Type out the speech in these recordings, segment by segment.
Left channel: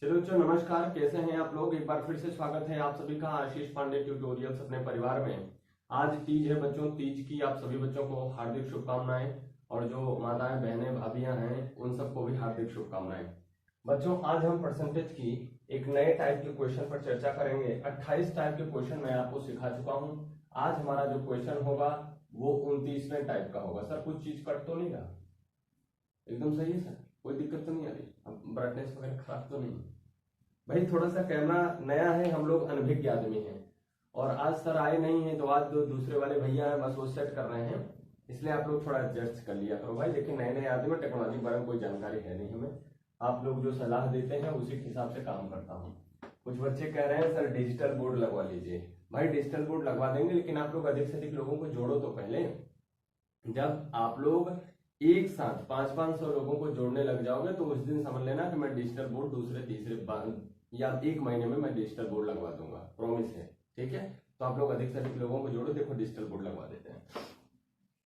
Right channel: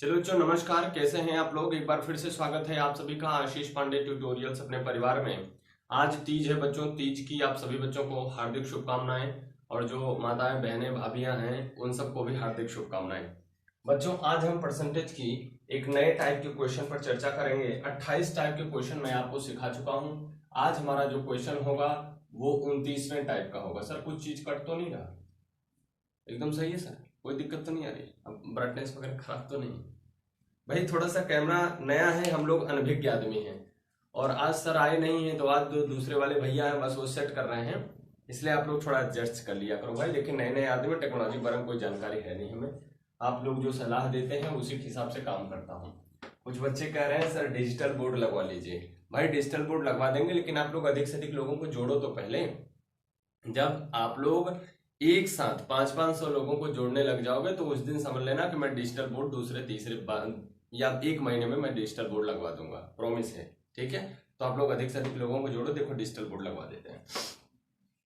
चलो बच्चों नमस्कार, कैसे हैं आप लोग। एक बार फिर से स्वागत है आप सभी का आशीष पांडे ट्यूटोरियल्स अपने परिवार में। आज तीज है बच्चों, तीज की आप सभी बच्चों को हार्दिक शुभकामनाएं और जो माताएं बहनें भाभियां हैं उन सबको भी हार्दिक शुभकामनाएं। बच्चों आज हम परसेंटेज की एक नए टाइप के क्वेश्चन पर चर्चा करेंगे। 28 टाइप के क्वेश्चन मैं आपको सिखा चुका हूँ। आज हमारा जो क्वेश्चन होगा वो 29वें टाइप का होगा। सर कुछ चीज कट तो नहीं रहा? एकदम सही है सर, कोई दिक्कत तो नहीं आ रही? अब ब्राइटनेस वगैरह खराब तो नहीं? भाई थोड़ा सा कैमरा नया है, हम लोग अनभिज्ञ आदमी हैं और आज सर आए नहीं हैं तो आज जो दूसरे वाले भैया हैं बस वो सेट कर रहे हैं, इसलिए आप लोग थोड़ा एडजस्ट कर लिया करो भाई। लेकिन नए नए आदमी, टेक्नोलॉजी बारे में कोई जानकारी है नहीं हमें, आप लोग जो सलाह देते हैं उसी के हिसाब से काम करता हूँ। कुछ बच्चे कह रहे हैं सर डिजिटल बोर्ड लगवा लीजिए। भाई डिजिटल बोर्ड लगवा देंगे, लेकिन आप लोग अधिक से अधिक लोगों को जोड़ो तो पहले। जब आप लोग एक साथ 500-500 लोगों को जोड़ने लग जाओगे तो उस दिन समझ लेना कि मैं डिजिटल बोर्ड दूसरे तीसरे या 1 महीने में मैं डिजिटल बोर्ड लगवा दूंगा, प्रॉमिस है। ठीक है, तो आप लोग अधिक से अधिक लोगों को जोड़ो। देखो डिजिटल बोर्ड लगवा देते हैं।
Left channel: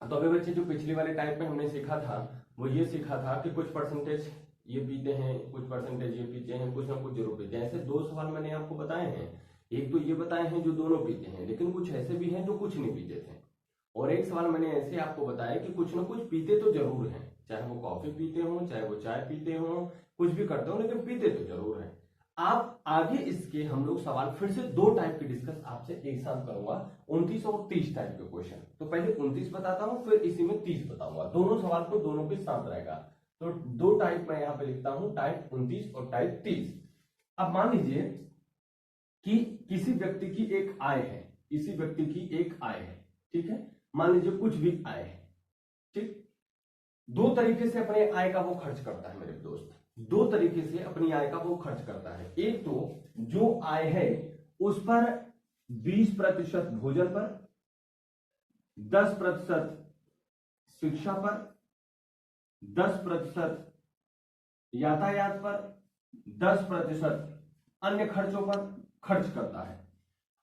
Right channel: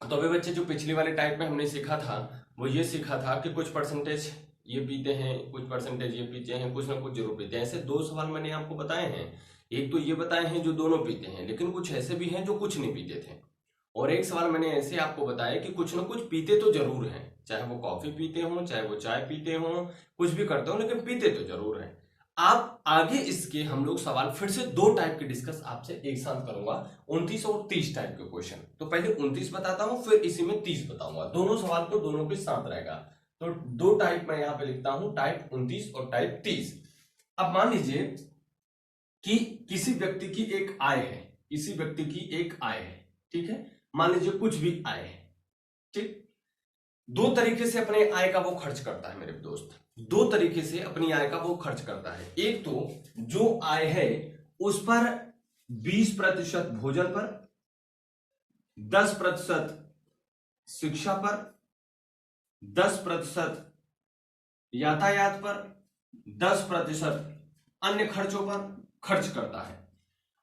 तो अभी बच्चे जो पिछली वाले टाइप में हमने सीखा था वो ये सीखा था कि कुछ परसेंटेज ये पीते हैं, कुछ परसेंटेज ये पीते हैं, कुछ ना कुछ जरूर पीते हैं। ऐसे 2 सवाल मैंने आपको बताए हैं। एक तो ये बताए हैं जो दोनों पीते हैं, लेकिन कुछ ऐसे भी हैं जो कुछ नहीं पीते थे। और एक सवाल मैंने ऐसे आपको बताया कि कुछ ना कुछ पीते तो जरूर हैं, चाहे वो कॉफी पीते हो, चाहे वो चाय पीते हो, कुछ भी करते हो, लेकिन पीते तो जरूर हैं। आप आगे इसके हम लोग सवाल फिर से 2 टाइप के डिस्कस आपसे एक साथ करूंगा, 29 और 30 टाइप के क्वेश्चन। तो पहले 29 बताता हूं, फिर इसी में 30 बताऊंगा। दोनों सवाल को दोनों के साथ रहेगा। तो 2 टाइप मैं यहां पे लिखता हूं, टाइप 29 और टाइप 30। अब मान लीजिए कि किसी व्यक्ति की एक आय है, किसी व्यक्ति की एक आय है, ठीक है, मान लीजिए कुछ भी आय है, ठीक। 2 तरीके से अपने आय का वो खर्च करता है मेरे दोस्त, 2 तरीके से अपनी आय का वो खर्च करता है। एक तो जो आय है उस पर 20% भोजन पर, 10% शिक्षा पर, 10% यातायात पर, 10% अन्य खर्चों पर खर्च करता है।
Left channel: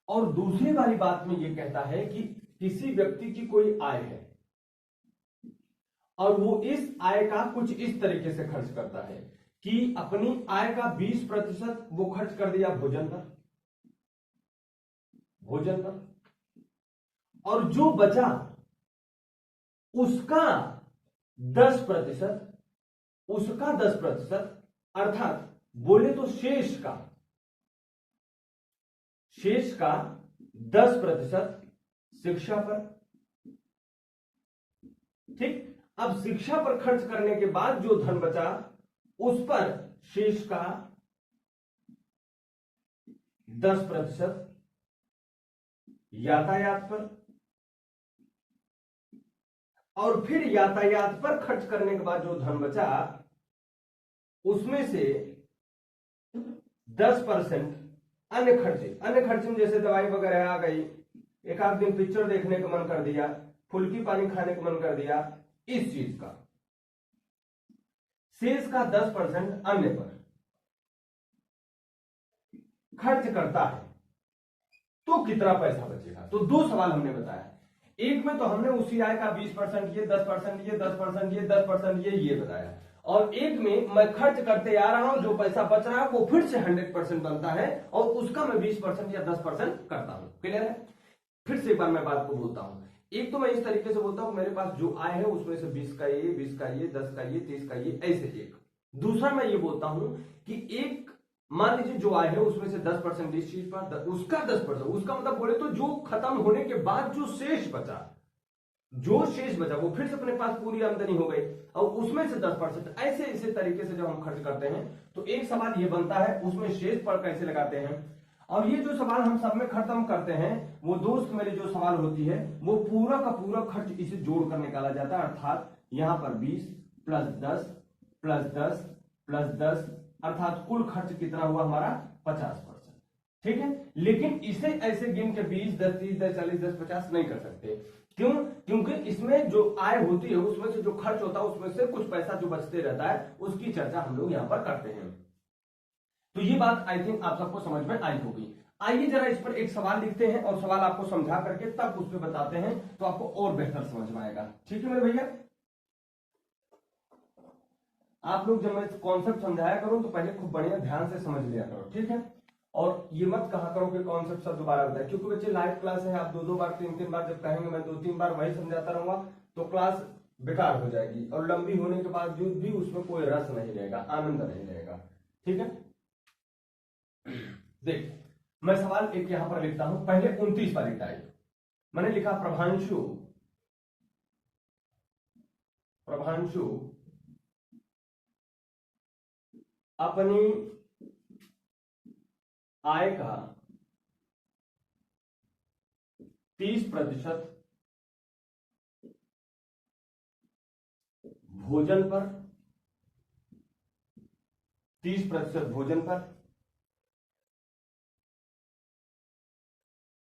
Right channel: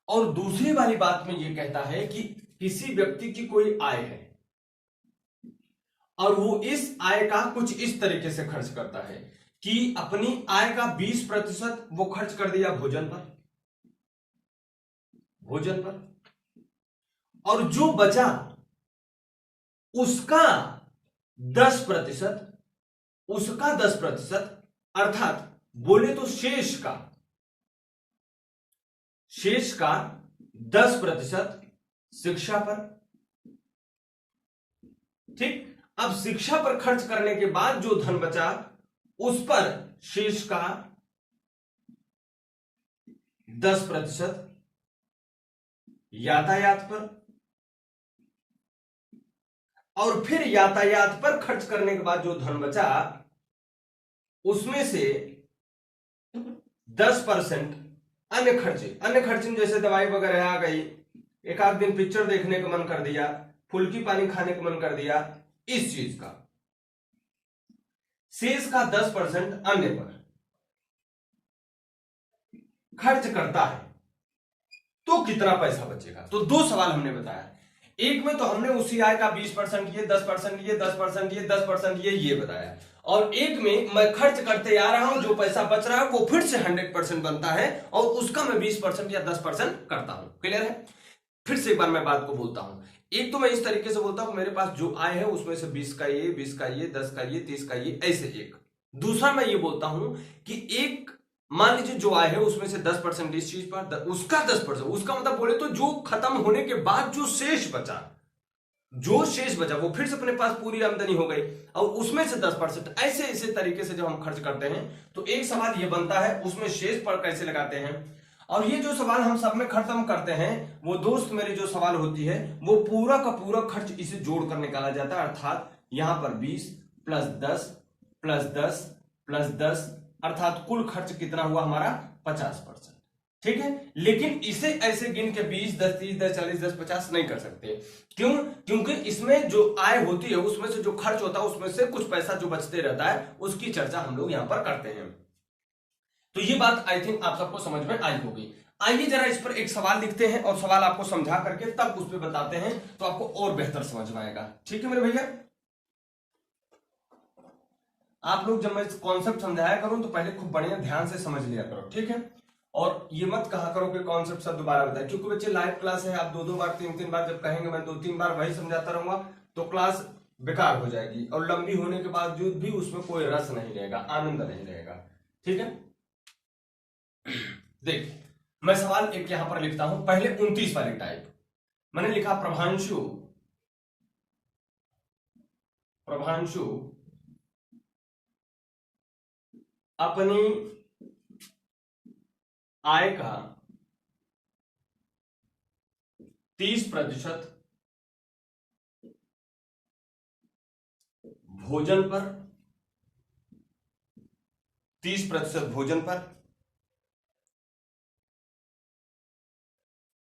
और दूसरी वाली बात में यह कहता है कि किसी व्यक्ति की कोई आय है और वो इस आय का कुछ इस तरीके से खर्च करता है कि अपनी आय का 20% वो खर्च कर दिया भोजन पर, और जो बचा उसका 10%, अर्थात बोले तो शेष का 10% शिक्षा पर, ठीक। अब शिक्षा पर खर्च करने के बाद जो धन बचा उस पर शेष का 10% यातायात पर, और फिर यातायात पर खर्च करने के बाद जो धन बचा उसमें से 10% अन्य खर्चे में जैसे दवाई वगैरह आ गई, एक आध दिन पिक्चर देखने का मन कर दिया, फुल्की पानी खाने का मन कर दिया, इस चीज का शेष का 10% अन्य पर खर्च करता है, तो कितना पैसा बचेगा। तो 2 सवाल हमने बताया। एक में तो हमने उसी आय का 20% ये, 10% ये, 10% ये, 10% ये बताया, और एक में मैं खर्च करते आ रहा हूं, जो पैसा बच रहा है वो फिर से 100% बनता है और उसका मैं 20% या 10% करता हूं। क्लियर है? फिर से एक बार मैं बात को बोलता हूं। एक तो मैं इस तरीके से बोलता हूं मेरे पास जो आय है उसमें से 20 का ये, 20 का ये, 10 का ये, 30 का ये, ऐसे एक। दूसरा मैं ये बोलता हूं कि एक मान लीजिए जो आय है उसमें से 10% इस चीज पर, उसका 10%, उसका मतलब बोले तो जो खत्म होने के बाद जो शेष बचा वो फिर से अपने पास पूरी आमदनी हो गई और उसमें से 10%। ऐसे ऐसे तरीके से जब हम खर्च करते हैं तो एक सवाल ये बनता है उसमें शेष पर कैसे लगाते हैं। और ये जो सवाल हम सब में खत्म करते हैं वो दोस्त मेरे जो सवाल होती है वो पूरा का पूरा खर्च इसे जोड़कर निकाला जाता है, अर्थात यहां पर 20 प्लस 10 प्लस 10 प्लस 10, अर्थात कुल खर्च कितना हुआ हमारा 50%। ठीक है, लेकिन इसे ऐसे गिन के 20, 10, 30, 10, 40, 10, 50 नहीं कर सकते। क्यों? क्योंकि इसमें जो आय होती है उसमें से जो खर्च होता है उसमें से कुछ पैसा जो बचते रहता है उसकी चर्चा हम लोग यहां पर करते हैं। तो ये बात आई थिंक आप सबको समझ में आई होगी। आइए जरा इस पर एक सवाल लिखते हैं और सवाल आपको समझा करके तब उस पर बताते हैं तो आपको और बेहतर समझ में आएगा। ठीक है मेरे भैया? आप लोग जब मैं कॉन्सेप्ट समझाया करूं तो पहले खूब बढ़िया ध्यान से समझ लिया करो, ठीक है। और ये मत कहा करो कि कॉन्सेप्ट सब दोबारा बताए, क्योंकि बच्चे लाइव क्लास है, आप 2-2 बार 3-3 बार जब कहेंगे मैं 2-3 बार वही समझाता रहूंगा तो क्लास बेकार हो जाएगी और लंबी होने के बावजूद भी उसमें कोई रस नहीं रहेगा, आनंद नहीं रहेगा, ठीक है। देख मैं सवाल एक यहां पर लिखता हूं, पहले 29 वाली टाइप मैंने लिखा, प्रभांशु अपनी आय का 30% भोजन पर 30% भोजन पर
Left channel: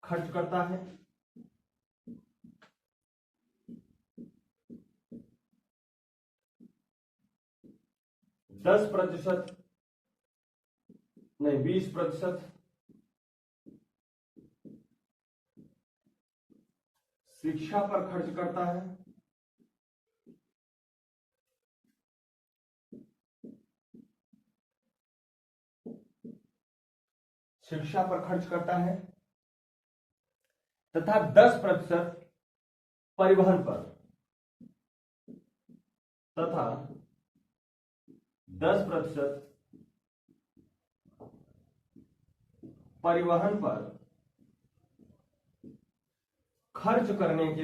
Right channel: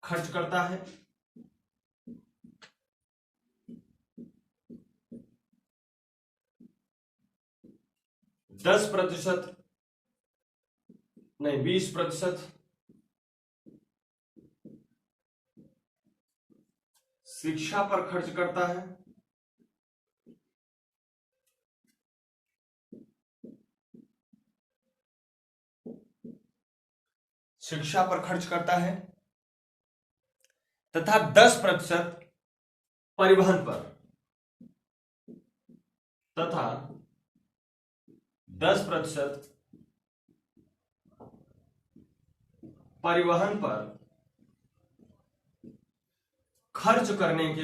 खर्च करता है, 10% नहीं 20% शिक्षा पर खर्च करता है, शिक्षा पर खर्च करता है तथा 10% परिवहन पर, तथा 10% परिवहन पर खर्च करने के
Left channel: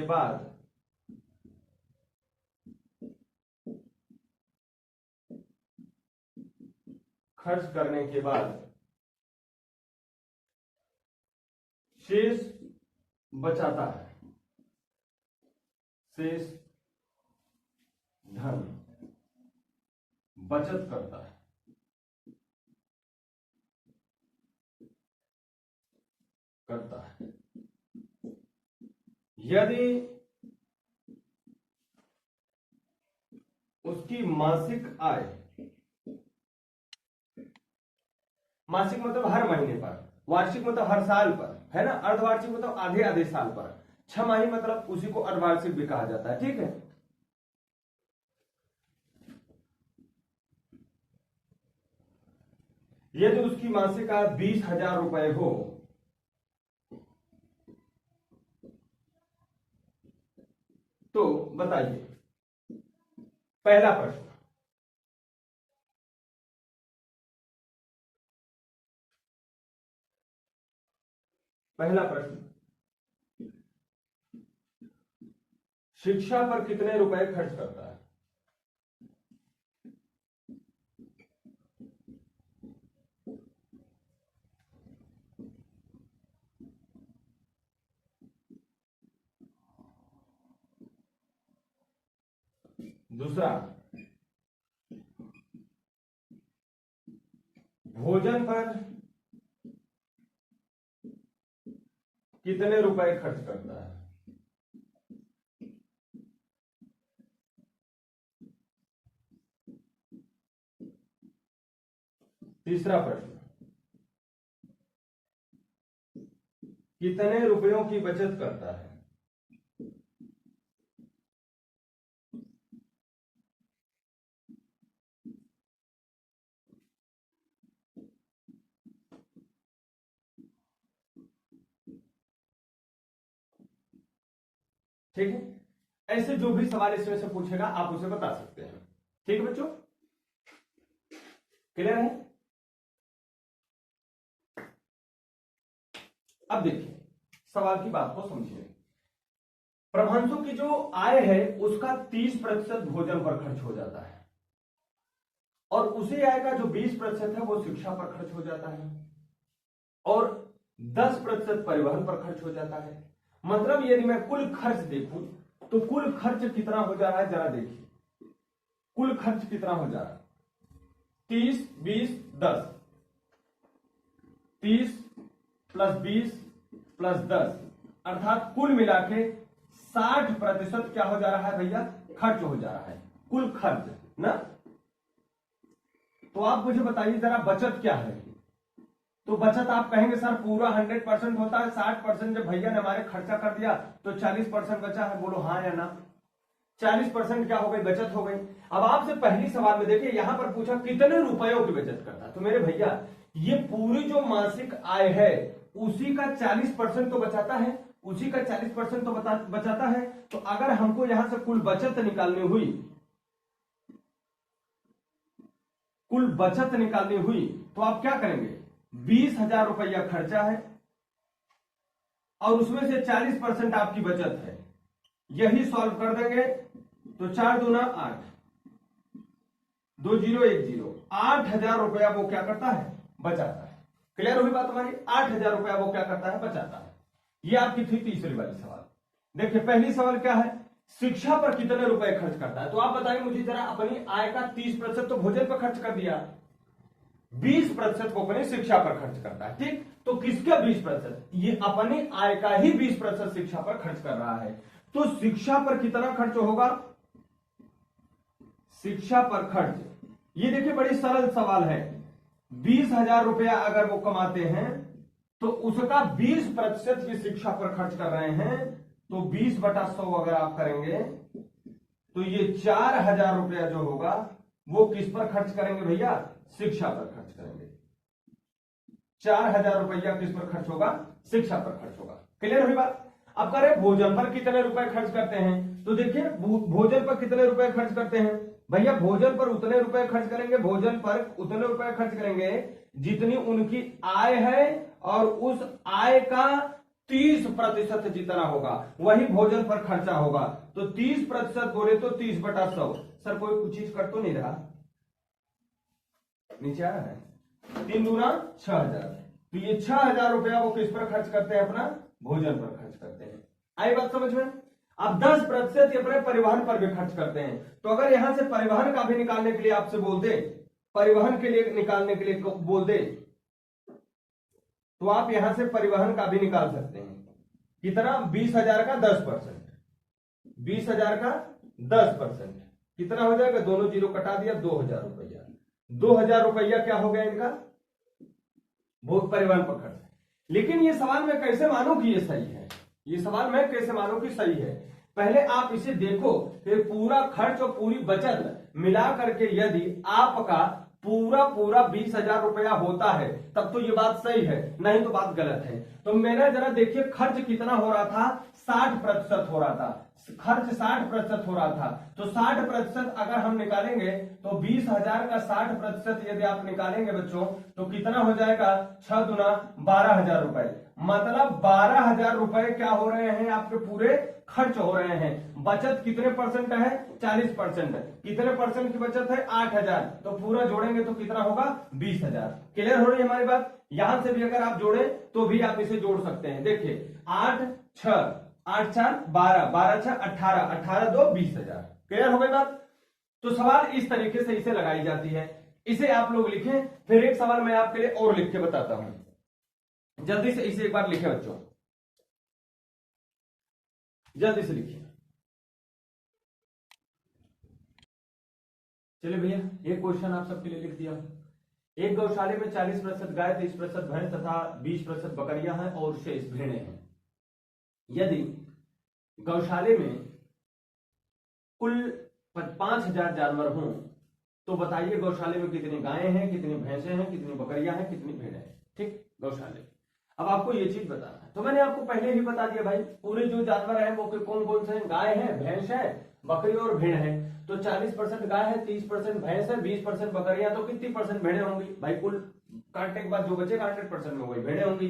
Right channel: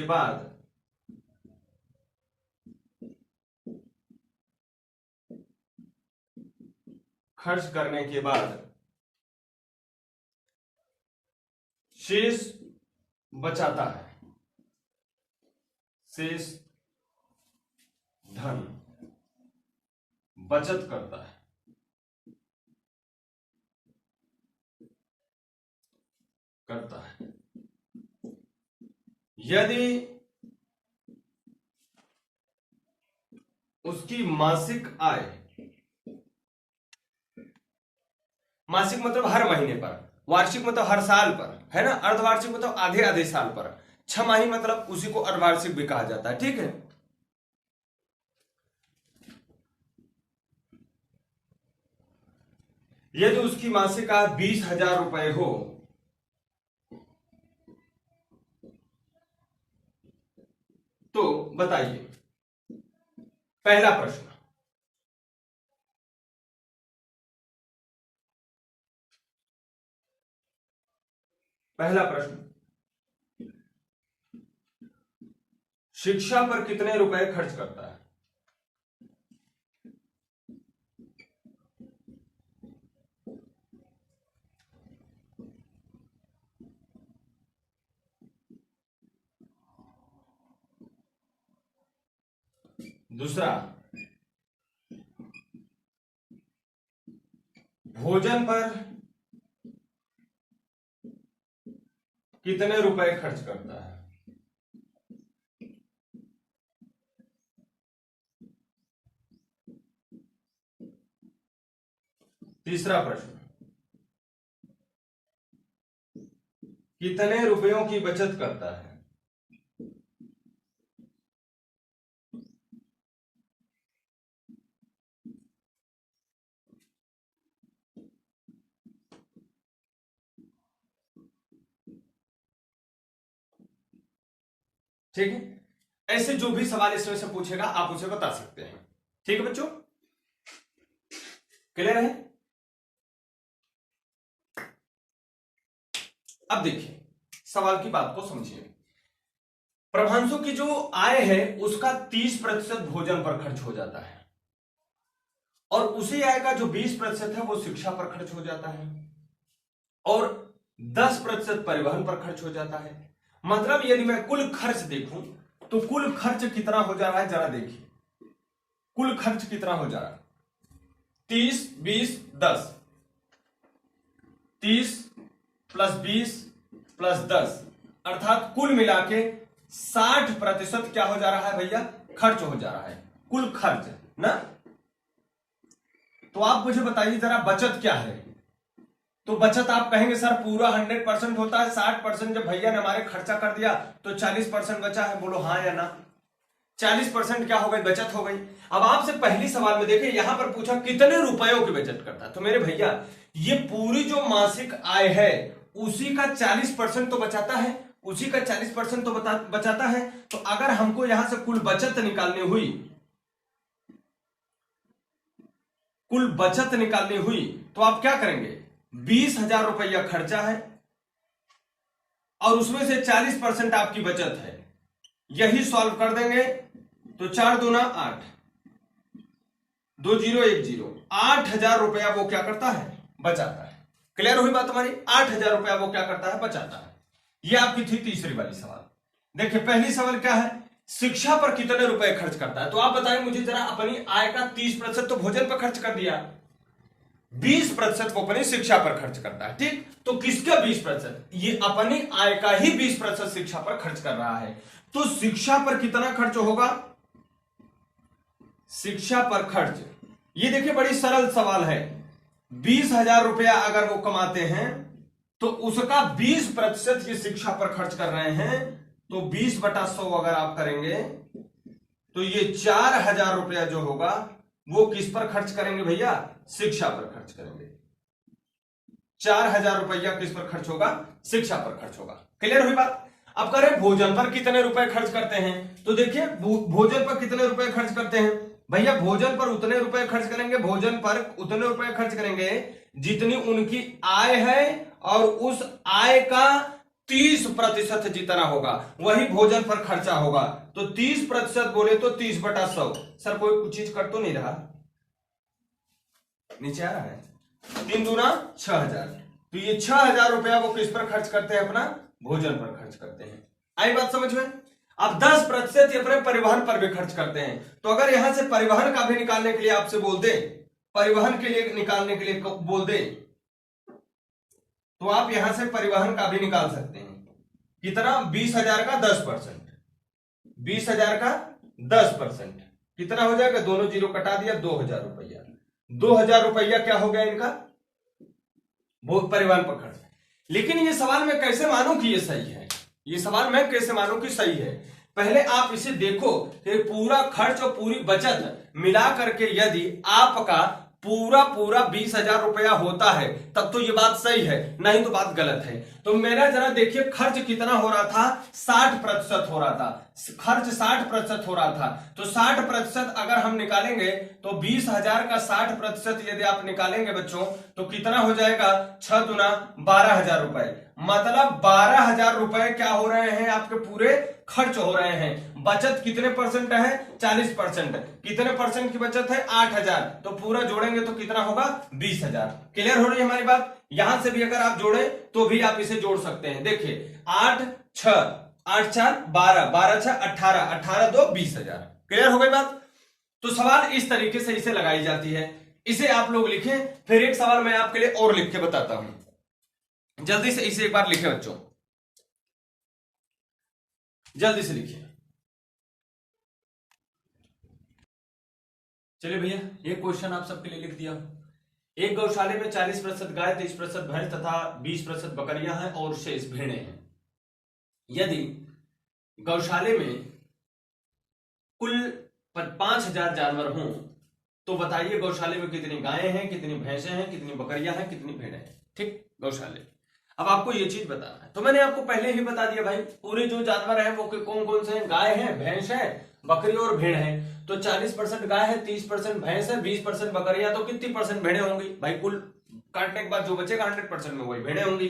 बाद शेष बचाता है, शेष धन बचत करता है, यदि उसकी मासिक आय, मासिक मतलब हर महीने पर, वार्षिक मतलब हर साल पर, है ना, अर्धवार्षिक मतलब आधे आधे साल पर, छमाही मतलब उसी को अर्धवार्षिक भी कहा जाता है, ठीक है। यदि उसकी मासिक आय 20,000 रुपए हो तो बताइए, पहला प्रश्न, शिक्षा पर कितने रुपए खर्च करता है? दूसरा, भोजन पर कितने रुपए खर्च करता है? तीसरा प्रश्न, कितने रुपयों की बचत करता है? ठीक है, ऐसे जो भी सवाल इसमें से पूछेगा आप उसे बता सकते हैं, ठीक है बच्चों, क्लियर है। अब देखिए सवाल की बात को समझिए, प्रभांशु की जो आय है उसका 30% भोजन पर खर्च हो जाता है और उसी आय का जो 20% है वो शिक्षा पर खर्च हो जाता है और 10% परिवहन पर खर्च हो जाता है। मतलब यदि मैं कुल खर्च देखूं तो कुल खर्च कितना हो जा रहा है जरा देखिए, कुल खर्च कितना हो जा रहा है, 30 20 10, 30 + 20 + 10 अर्थात कुल मिला के 60% क्या हो जा रहा है भैया, खर्च हो जा रहा है, कुल खर्च ना। तो आप मुझे बताइए जरा बचत क्या है, तो बचत आप कहेंगे सर पूरा 100% होता है, 60% जब भैया ने हमारे खर्चा कर दिया तो 40% बचा है, बोलो हाँ या ना। 40% क्या हो गई, बचत हो गई। अब आपसे पहली सवाल में देखें, यहां पर पूछा कितने रुपयों की बचत करता है। तो मेरे भैया ये पूरी जो मासिक आय है उसी का 40% तो बचाता है, उसी का 40% तो बचाता है। तो अगर हमको यहां से कुल बचत निकालनी हुई, कुल बचत निकालनी हुई, तो आप क्या करेंगे, 20,000 रुपया खर्चा है और उसमें से 40% आपकी बचत है, यही सॉल्व कर देंगे तो 4 दूना 8, 2010, 8,000 रुपया वो क्या करता है, बचाता है। क्लियर हुई बात हमारी, 8,000 रुपया वो क्या करता है, बचाता है। ये आपकी थी तीसरी वाली सवाल। देखिए पहली सवाल क्या है, शिक्षा पर कितने रुपए खर्च करता है। तो आप बताएं मुझे जरा, अपनी आय का 30% तो भोजन पर खर्च कर दिया, 20% वो अपनी शिक्षा पर खर्च करता है। ठीक, तो किसका 20%, ये अपनी आय का ही 20% शिक्षा पर खर्च कर रहा है। तो शिक्षा पर कितना खर्च होगा, शिक्षा पर खर्च, ये देखिए बड़ी सरल सवाल है। 20,000 रुपया अगर वो कमाते हैं तो उसका 20% की शिक्षा पर खर्च कर रहे हैं, तो 20/100 अगर आप करेंगे तो ये 4,000 रुपया जो होगा वो किस पर खर्च करेंगे भैया, शिक्षा पर खर्च करेंगे। 4,000 रुपया किस पर खर्च होगा, शिक्षा पर खर्च होगा। क्लियर हुई बात। अब करें भोजन पर कितने रुपए खर्च करते हैं। तो देखिए भोजन पर कितने रुपए खर्च करते हैं भैया, भोजन पर उतने रुपए खर्च करेंगे, भोजन पर उतने रुपए खर्च करेंगे जितनी उनकी आय है, और उस आय का 30% जितना होगा वही भोजन पर खर्चा होगा। तो 30% बोले तो 30/100। सर कोई कुछ चीज कर तो नहीं रहा, नीचे आ रहा है, 3 दूना 6,000। तो ये 6,000 रुपया वो किस पर खर्च करते हैं, अपना भोजन पर खर्च करते हैं। आई बात समझ में। अब 10% ये अपने परिवहन पर भी खर्च करते हैं। तो अगर यहां से परिवहन का भी निकालने के लिए आपसे बोल दे, परिवहन के लिए निकालने के लिए बोल दे, तो आप यहां से परिवहन का भी निकाल सकते हैं। कितना, 20,000 का 10%, 20,000 का 10% कितना हो जाएगा, दोनों जीरो कटा दिया, 2,000 रुपया। 2,000 रुपया क्या हो गया इनका, वो परिवहन पर खर्च। लेकिन ये सवाल मैं कैसे मानूं कि ये सही है, ये सवाल मैं कैसे मानूं कि सही है। पहले आप इसे देखो कि पूरा खर्च और पूरी बचत मिला करके यदि आपका पूरा 20,000 रुपया होता है तब तो ये बात सही है, नहीं तो बात गलत है। तो मेरा जरा देखिए खर्च कितना हो रहा था, 60% हो रहा था, खर्च 60% हो रहा था। तो 60% अगर हम निकालेंगे तो 20,000 का 60% यदि आप निकालेंगे बच्चों तो कितना हो जाएगा, 6 दूना 12,000 रुपए। मतलब 12,000 रुपए क्या हो रहे हैं, आपके पूरे खर्च हो रहे हैं। बचत कितने परसेंट है, 40%। कितने परसेंट की बचत है, 8,000। तो पूरा जोड़ेंगे तो कितना होगा, 20,000। क्लियर हो रही है हमारी बात। यहां से भी अगर आप जोड़े तो भी आप इसे जोड़ सकते हैं। देखिए 8 6 8 4 12, 12 6 18, 18 2 20,000। क्लियर हो गई बात। तो सवाल इस तरीके से इसे लगाई जाती है, इसे आप लोग लिखें। फिर एक सवाल मैं आपके लिए और लिख के बताता हूं, जल्दी से इसे एक बार लिखे बच्चों, जल्दी से लिखिए। चलिए भैया एक क्वेश्चन आप सबके लिए लिख दिया। एक गौशाले में 40% गाय, 30% भैंस तथा 20% बकरियां हैं और शेष भेड़ें हैं। यदि गौशाले में कुल 5,000 जानवर हों तो बताइए गौशाले में कितनी गायें हैं, कितनी भैंसें हैं, कितनी बकरियां हैं, कितनी भेड़ें हैं। ठीक, गौशाले। अब आपको ये चीज बताना है। तो मैंने आपको पहले ही बता दिया भाई, पूरे जो जानवर हैं वो कौन कौन से हैं, गाय है, भैंस है, बकरी और भेड़ है। तो 40% गाय है, 30% भैंस है, 20% बकरियां, तो कितनी परसेंट भेड़ें होंगी भाई, कुल काटने के बाद जो बचेगा 100% में वही भेड़ें होंगी।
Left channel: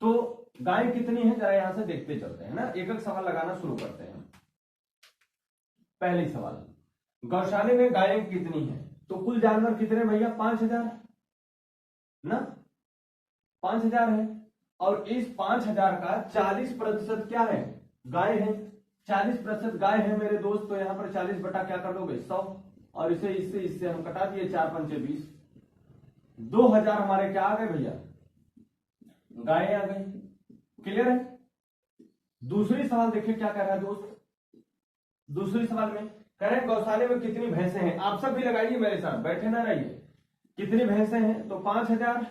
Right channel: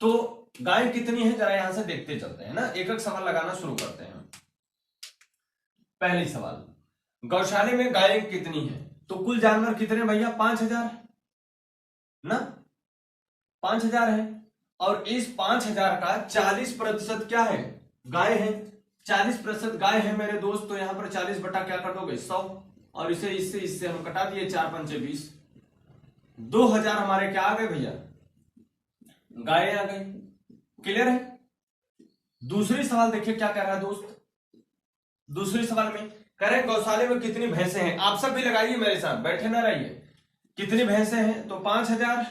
तो गाय कितनी है जरा यहां से देखते चलते हैं ना, एक एक सवाल लगाना शुरू करते हैं। पहली सवाल, गौशाले में गायें कितनी है, तो कुल जानवर कितने भैया, 5,000 ना, 5,000 है। और इस 5,000 का 40% क्या है, गाय है। 40% गाय है मेरे दोस्त, तो यहां पर 40 बटा क्या कर दोगे, 100। और इसे इससे हम कटा दिए, 4 पंचे 20। 2,000 हमारे क्या आ गए भैया, गाय आ गई। क्लियर है। दूसरी सवाल देखिए क्या कह रहा है दोस्त, दूसरी सवाल में कह रहे हैं गौशाले में कितनी भैंसें हैं। आप सब भी लगाइए मेरे साथ, बैठे ना रहिए। कितनी भैंसें हैं, तो 5,000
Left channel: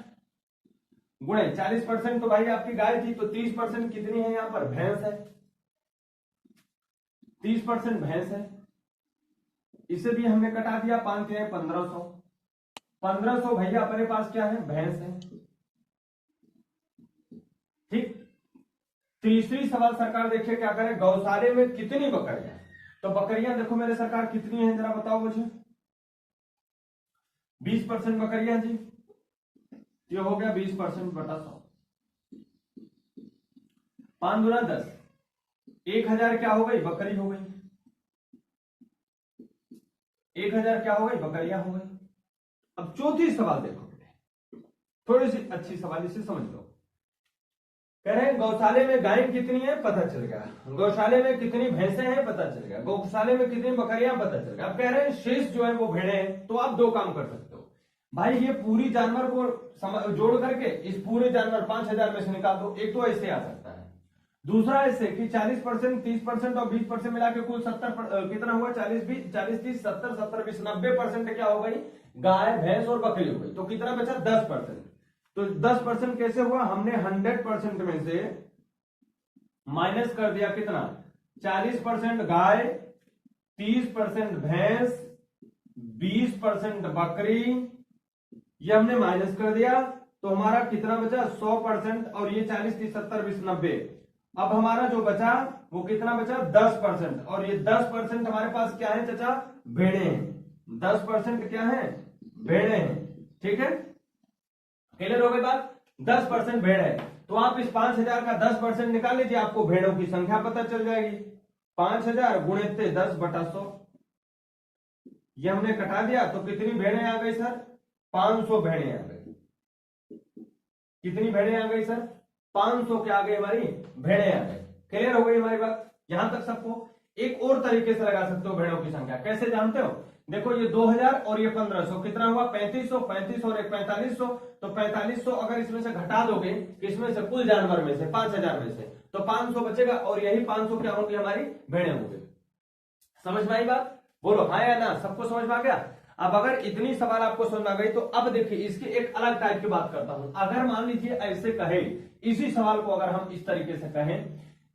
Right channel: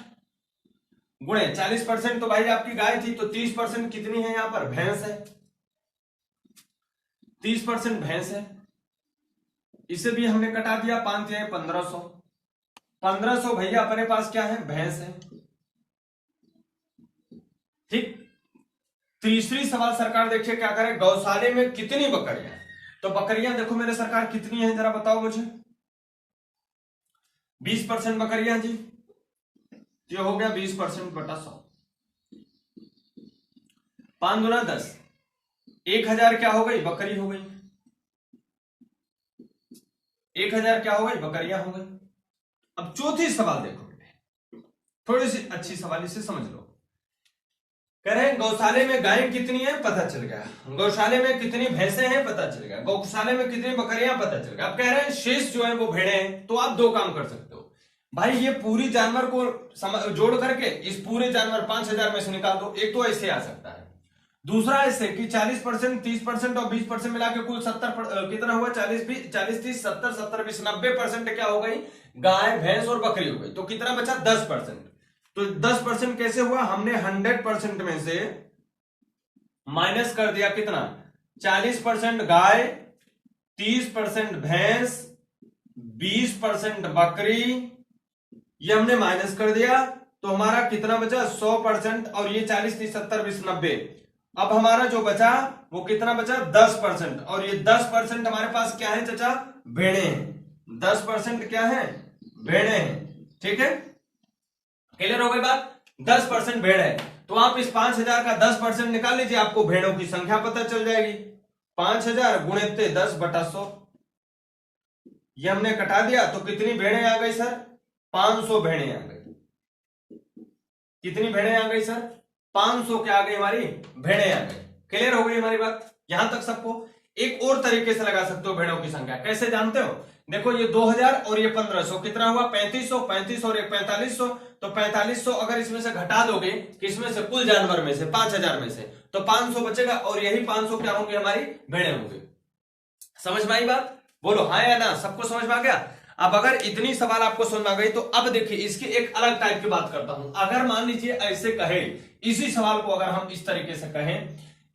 गुणे 40%, तो भाई आपकी गाय थी, तो 30% कितनी है, यहां पर भैंस है, 30% भैंस है। इसे भी हमने कटा दिया, 5 है 1500। 1500 भैया अपने पास क्या है, भैंस है। ठीक, तीसरी सवाल सरकार देखिए क्या करे, गौशाले में कितनी बकरियां हैं? तो बकरियां देखो मेरे सरकार कितनी है, जरा बताओ मुझे। 20% बकरियां जी, ये हो गया 20% बटा 100। 5 दूना 10, 1000 क्या हो गई, बकरी हो गई। 1000 क्या हो गई, बकरियां हो गई। अब चौथी सवाल देखो, थोड़ी सी अच्छी सवाल, इसे समझ लो। कह रहे हैं गौशाले में गायें कितनी है, पता चल गया। गौशाले में कितनी भैंसें हैं, पता चल गया। गौशाले में कितनी बकरियां, पता चल गया। अब कह रहे हैं शेष जो है वो भेड़ें हैं। तो आप दो काम कर सकते हो भाई, ये पूरी जानवर को जोड़ करके इस पूरे जानवर 5000 में से निकाल दो। एक तो ऐसे आ सकता है, दूसरा ऐसे कि 40%, 30% और 20% मिला के कुल 70 कितना हुआ, 40 30 70 70 20 90% क्या हो गई, गाय भैंस और बकरी हो गई। तो कितना बचा, 10%। तो 10% कैसे हुआ, हमने 100% में से माइनस कर दिया कितना, 40% गाय, 30% भैंस, 20% बकरी, ये हमने माइनस कर दिया। तो हमारा कितना बचा, 100%। और ये 40 30 70 20 90। अब हमारा जो बचा वो कितना बचा, 10%। और ये 10% हमारे पास क्या है चाचा, भेड़े हैं। 10% क्या है, भेड़े हैं। ठीक है, क्लियर हो गई बात। 10% भेड़ है, तो आप इस 5000 का 10% निकाल लीजिए, आपको भेड़ों की संख्या पता चल जाएगी। 5000 गुणित 10 बटा 100, ये हमने कटा दिया। तो कितनी भेड़ें आ गई सर, 500 भेड़ें आ गई। कितनी भेड़ें आ गई सर, 500 क्या आ गई, हमारी भेड़ें आ गई। क्लियर हो गई हमारी बात यहां तक सबको। एक और तरीके से लगा सकते हो भेड़ों की संख्या, कैसे जानते हो, देखो ये 2000 और ये 1500 कितना हुआ, 3500। 35 और एक 4500, तो 4500 अगर इसमें से घटा दोगे, इसमें से कुल जानवर में से 5000 में से, तो 500 बचेगा। और यही 500 क्या होंगे, हमारी भेड़ें होंगी। समझ में आई बात, बोलो हाँ या ना, सबको समझ में आ गया। अब अगर इतनी सवाल आपको समझ में आ गई, तो अब देखिए इसकी एक अलग टाइप की बात करता हूं। अगर मान लीजिए ऐसे कहे, इसी सवाल को अगर हम इस तरीके से कहें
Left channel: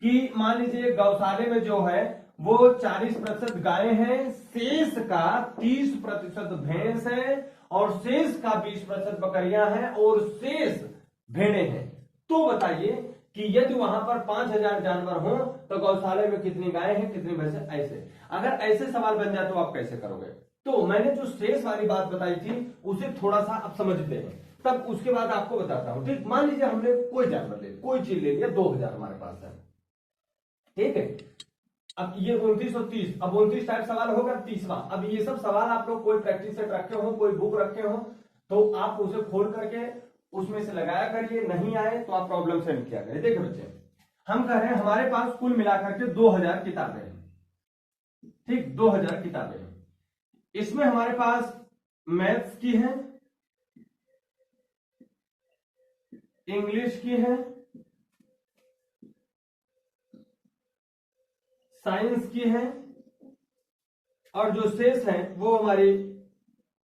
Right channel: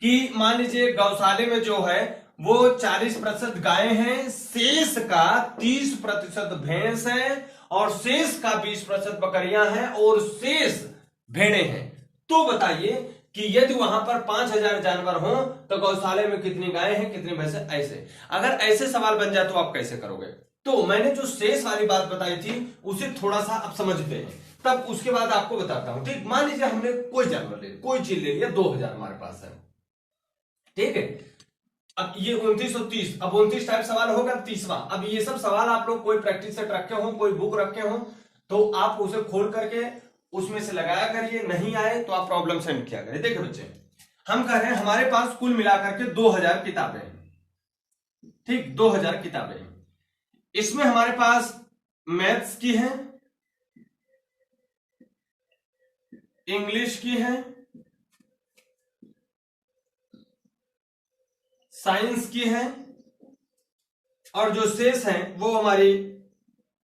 कि मान लीजिए गौशाले में जो है वो 40% गायें हैं, शेष का 30% भैंस है, और शेष का 20% बकरियां हैं, और शेष भेड़ें हैं। तो बताइए कि यदि वहां पर 5000 जानवर हो तो गौशाले में कितनी गायें हैं, कितनी भैंसें। ऐसे अगर ऐसे सवाल बन जाए तो आप कैसे करोगे। तो मैंने जो शेष वाली बात बताई थी उसे थोड़ा सा आप समझते हैं, तब उसके बाद आपको बताता हूं। ठीक, मान लीजिए हमने कोई जानवर ले, कोई चीज ले लिया, 2000 हमारे पास है। ठीक है, अब ये 2930, अब 29 टाइप सवाल हो गया। 30वां, अब ये सब सवाल आप लोग कोई प्रैक्टिस सेट रखे हो, कोई बुक रखे हो, तो आप उसे खोल करके उसमें से लगाया करिए। नहीं आए तो आप प्रॉब्लम सेंड किया करिए। देखो बच्चे, हम कह रहे हैं हमारे पास कुल मिलाकर के 2000 किताबें हैं। ठीक, 2000 किताबें हैं। इसमें हमारे पास मैथ्स की है, इंग्लिश की है, साइंस की है, और जो शेष है वो हमारी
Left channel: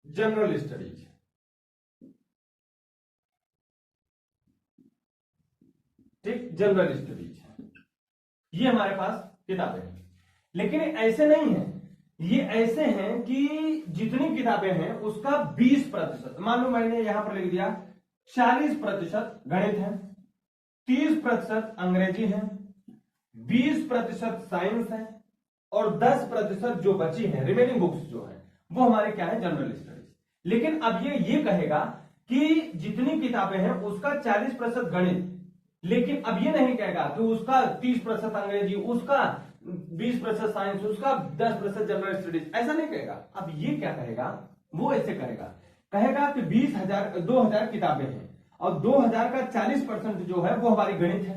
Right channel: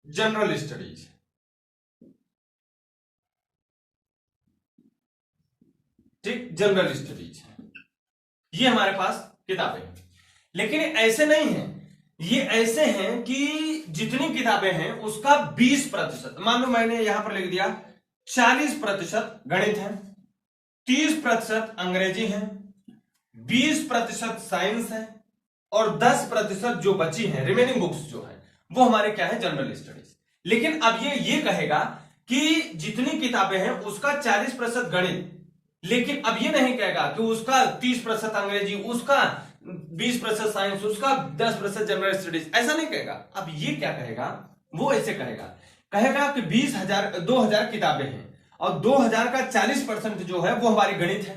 जनरल स्टडीज। ठीक, जनरल स्टडीज है, ये हमारे पास किताबें हैं। लेकिन ऐसे नहीं है, ये ऐसे हैं कि जितनी किताबें हैं उसका 20%, मान लो मैंने यहां पर लिख दिया 40% गणित है, 30% अंग्रेजी है, 20% साइंस है, और 10% जो बची है रिमेनिंग बुक्स जो है वो हमारे क्या है, जनरल स्टडीज। लेकिन अब ये कहेगा कि जितनी किताबें हैं उसका 40% गणित, लेकिन अब ये नहीं कहेगा कि उसका 30% अंग्रेजी, उसका 20% साइंस, उसका 10% जनरल स्टडीज, ऐसा नहीं कहेगा। अब ये क्या कहेगा, वो ऐसे कहेगा कि 2000 किताबें हैं, और 2000 का 40% जो है वो हमारी गणित है।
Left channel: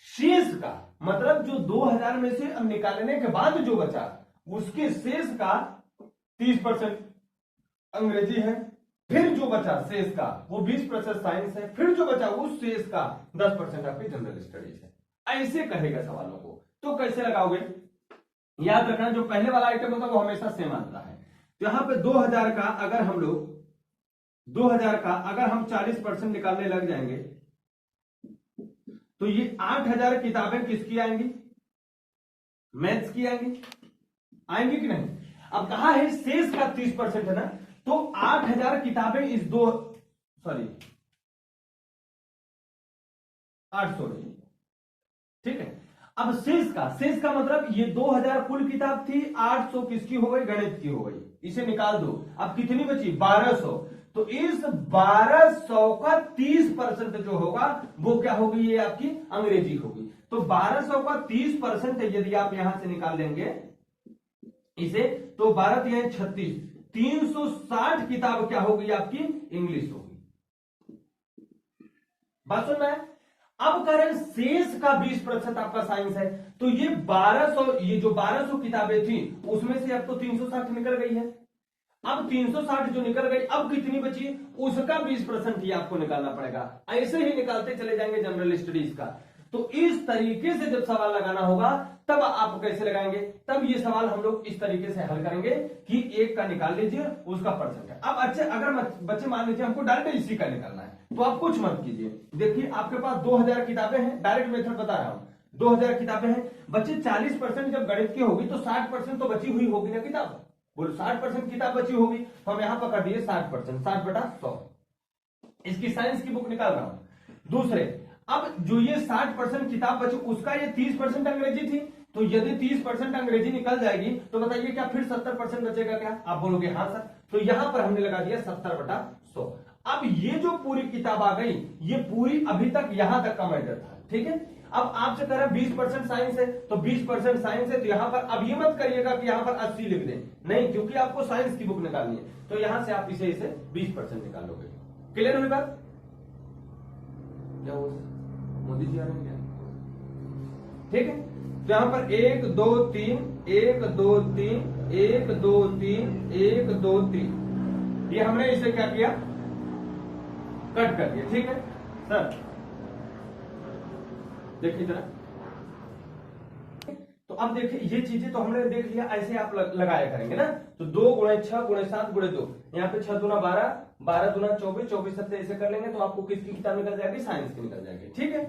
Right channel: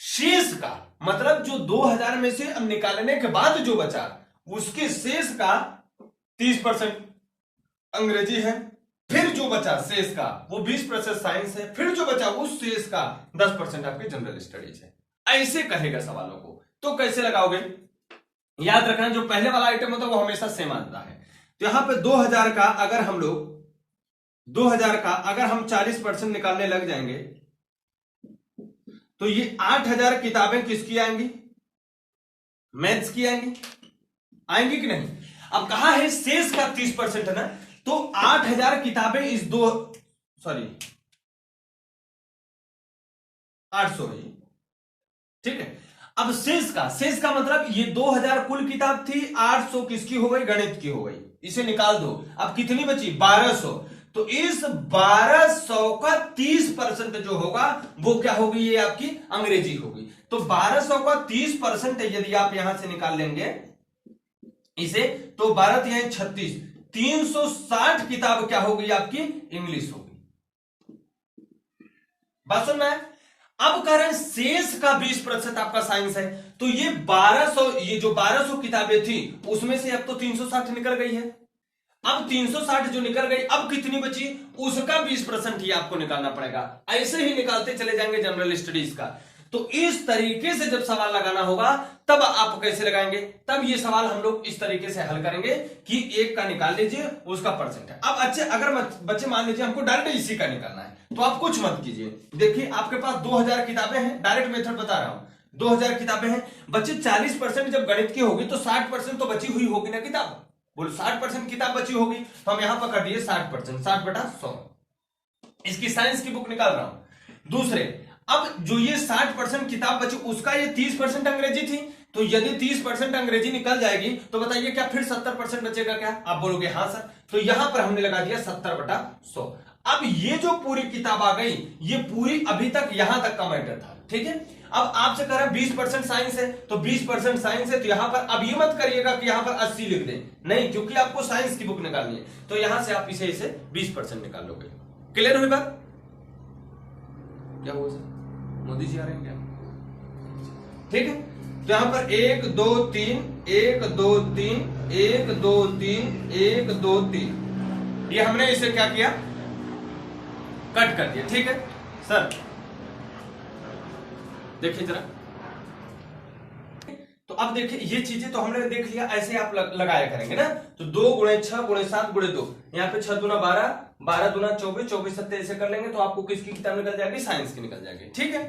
शेष का मतलब जो 2000 में से अब निकालने के बाद जो बचा उसके शेष का 30% अंग्रेजी है, फिर जो बचा शेष का वो 20% साइंस है, फिर जो बचा उस शेष का 10% आपकी जनरल स्टडीज है। ऐसे कहेगा सवालों को। तो कैसे लगाओगे, याद रखना जो पहले वाला आइटम होता है वो हमेशा सेम आता है। तो यहां पे 2000 का अगर हम लोग 2000 का अगर हम 40% निकालने लग जाएंगे तो ये 8000 किताबें किसकी आएंगी, मैथ्स की आएंगी कि नहीं। अब कहा है शेष का 30% है ना, तो 8,000 किताबें इस 800 है, ठीक है। अब शेष का मतलब ये 2000 कुल किताब थी, 800 किसकी हो गई, गणित की हो गई, इसे निकाल दो। अब कितनी बची, 1200। तो इस 1200 का 30% जो होगा वो क्या होगी, ये आपकी अंग्रेजी होगी। तो 1200 का 30% यदि आप यहां से निकाल लेंगे इसे, तो 12 यहां 36, 360 किताब क्या होगी आपकी, इंग्लिश होगी। बात सुन में। अब कह रहे हैं शेष का 20% आपका साइंस है, तो ये 1200, ये जो 1200 किताबें थी उसमें से अब तो 360 निकल गई है। अब 360 जो निकल गई, अब कितनी बची, उसका 20% ही आपको निकालना पड़ेगा। ऐसे ही निकालते चले जाएंगे जनरल स्टडीज का। तो इस तरीके से जब सवाल लगाना होगा तब आप कैसे लगाएंगे, तब ये सवाल हम लोग इस तरीके से हल करेंगे कि एक का निकाल लीजिए, उसका परसेंट है। अब अच्छे अगर बच्चे मान लीजिए हमको डायरेक्ट इसी का निकालना है, तो आप कुछ मत कीजिए। देखिए आपके पास 2000 किताबें हैं, डायरेक्ट मेथड बता रहा हूं, 2000 किताबें हैं, बच्चे 40% जब गणित की होगी तो 60% तो बची हुई होगी ना किताब। बोलो 60% किताब बची होगी, तो हम यहां पर कर दिए 60%, 60/100। इसकी साइंस की बुक निकाल रहा हूं। दूसरे, अब जो ये 60% किताब बची उसका ये 30% अंग्रेजी थी, तो यदि 30% अंग्रेजी निकल जाएगी तो बताइए क्या फिर 70% बचेगा क्या, आप बोलोगे हाँ सर। तो यहां पर हमने लगा दिया 70/100। अब ये जो पूरी किताब आ गई, ये पूरी अभी तक यहां तक का मैटर था, ठीक है। अब आपसे कह रहा है 20% साइंस है, तो 20% साइंस है, तो यहां पर अब ये मत करिएगा कि यहां पर 80 लिख दें, नहीं, क्योंकि आपको साइंस की बुक निकालनी है, तो यहां से आप इसे 20% निकाल लोगे। क्लियर हुई बात। क्या हुआ सर, मोदी जी आ रहे हैं क्या, ठीक है। तो यहां पर 1 2 3 1 2 3 1 2 3 1 2 3, ये हमने इसे क्या किया, कट कर दिया, ठीक है सर। देखिए जरा, तो अब देखिए ये चीजें तो हमने देख लिया, ऐसे आप लगाया करेंगे ना। तो 2 × 6 × 7 × 2, यहाँ पे 6 दूना 12, 12 दूना 24, 24 7 ऐसे कर लेंगे तो आपको किसकी किताब निकल जाएगी, साइंस की निकल जाएगी, ठीक है।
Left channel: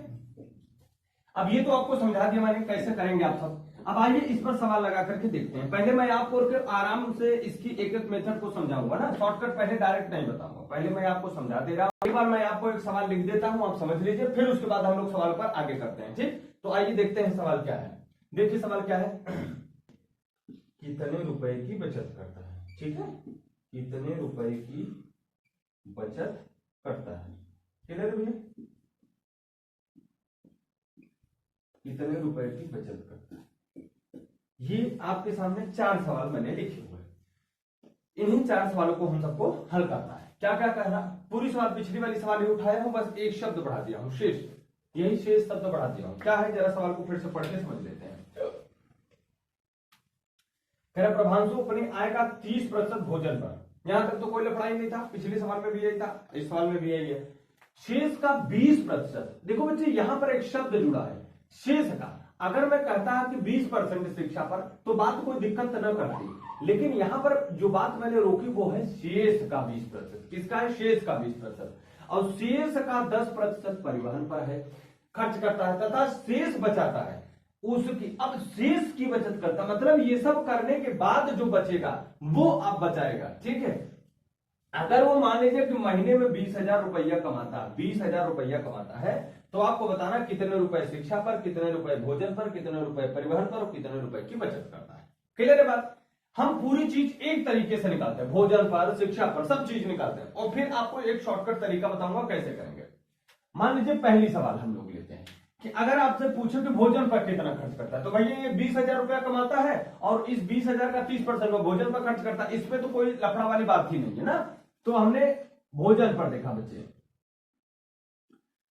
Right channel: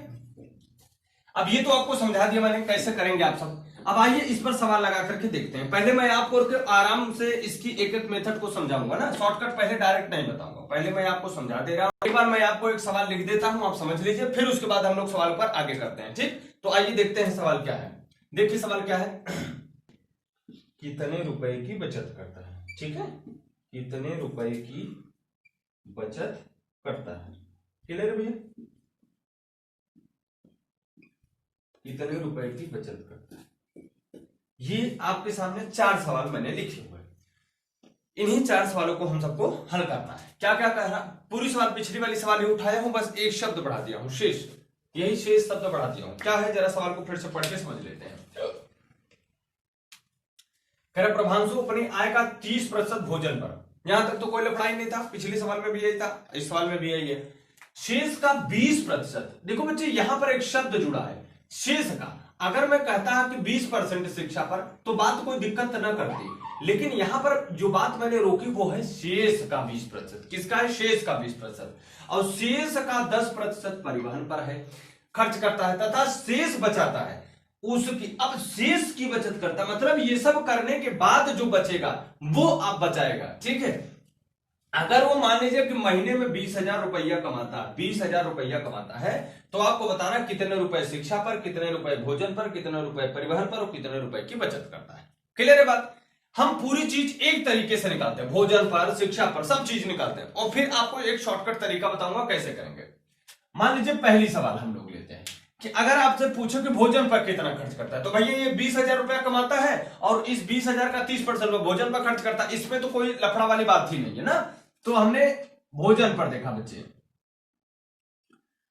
अब ये तो आपको समझा दिया मैंने कैसे करेंगे आप सब। अब आइए इस पर सवाल लगा करके देखते हैं। पहले मैं आपको आराम से इसकी एक एक मेथड को समझाऊंगा ना, शॉर्टकट पहले डायरेक्ट नहीं बताऊंगा, पहले मैं आपको समझा दे रहा हूं। एक बार मैं आपको एक सवाल लिख देता हूं, आप समझ लीजिए, फिर उसके बाद हम लोग सवाल पर आगे करते हैं, ठीक। तो आइए देखते हैं सवाल क्या है। देखिए सवाल क्या है, कितने रुपए की बचत करता है, ठीक है, कितने रुपए की बचत करता है, क्लियर भैया, कितने रुपए की बचत करता है। ये आपके सामने 4 सवाल मैंने लिखे हुए, इन्हीं 4 सवालों को हम सबको हल करना है। क्या क्या कह रहा, पूरी सवाल पिछली वाली सवाल ही उठाया हूं, बस एक शब्द बढ़ा दिया हूं, शेष, यही शेष शब्द बढ़ा दिया हूं। क्या है, जरा सवाल को फिर से पढ़ के समझ लेते हैं। कह रहा प्रभांशु अपनी आय का 30% भोजन पर, यहां तक तो कोई लफड़ा ही नहीं था, पिछले सवाल में भी यही था, इस सवाल में भी यही है। शेष का 20%, देखो बच्चे यहां पर एक शब्द जुड़ा है, शेष का। अगर मैं कहता है कि 20% शिक्षा पर, तो बात कोई दिक्कत न करती, लेकिन यहां पर जो बात मैंने रोकी वो है शेष का 20%। किसका है, शेष का 20%, और शेष का 10% परिवहन पर है, खर्च करता है, तथा शेष बचाता है उसकी। अब शेष की बचत करता मतलब ये सब करने के बाद जो बचेगा वो आप बचाएगा, ठीक है। अगर वो मान लीजिए कि महीने में 20,000 रुपया कमाता, 20,000 रुपया कमाता है, तो आपको बताना कितने रुपए शिक्षा पर, कितने रुपए भोजन पर, कितने रुपए परिवहन पर और कितने रुपए की बचत करता है। क्लियर है बात। हम पूरी चीज एक तरीके से निकालते हैं, भोजन पर, शिक्षा पर, सब चीज निकालते हैं, और फिर आपको एक शॉर्टकट तरीका बताऊंगा कैसे करेंगे। मान लीजिए पहली सवाल हम लोग लेते हैं कि अगर आपसे पूछो कि भोजन पर कितना खर्च करता है, तो भैया ये 20,000 रुपया कमाता है और इस 20,000 का 30% में भोजन पर खर्च करता है, इसमें तो कोई लफड़ा वाली बात ही नहीं है ना। तो हमने भोजन पर देखा बच्चे,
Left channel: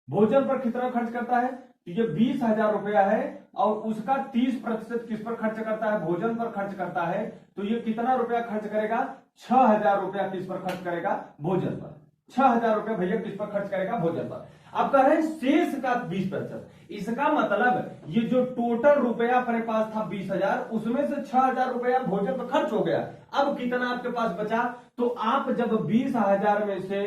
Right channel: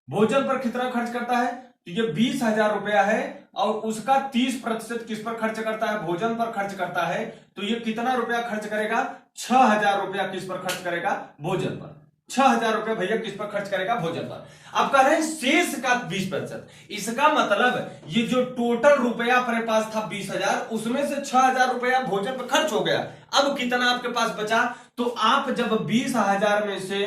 भोजन पर कितना खर्च करता है, तो ये 20,000 रुपया है और उसका 30% किस पर खर्च करता है, भोजन पर खर्च करता है, तो ये कितना रुपया खर्च करेगा, 6,000 रुपया किस पर खर्च करेगा, भोजन पर। 6,000 रुपया भैया किस पर खर्च करेगा, भोजन पर। अब कह रहे हैं शेष का 20%, इसका मतलब ये जो टोटल रुपया अपने पास था 20,000, उसमें से 6,000 रुपया भोजन पर खर्च हो गया। अब कितना आपके पास बचा, तो आप जब 20,000 में से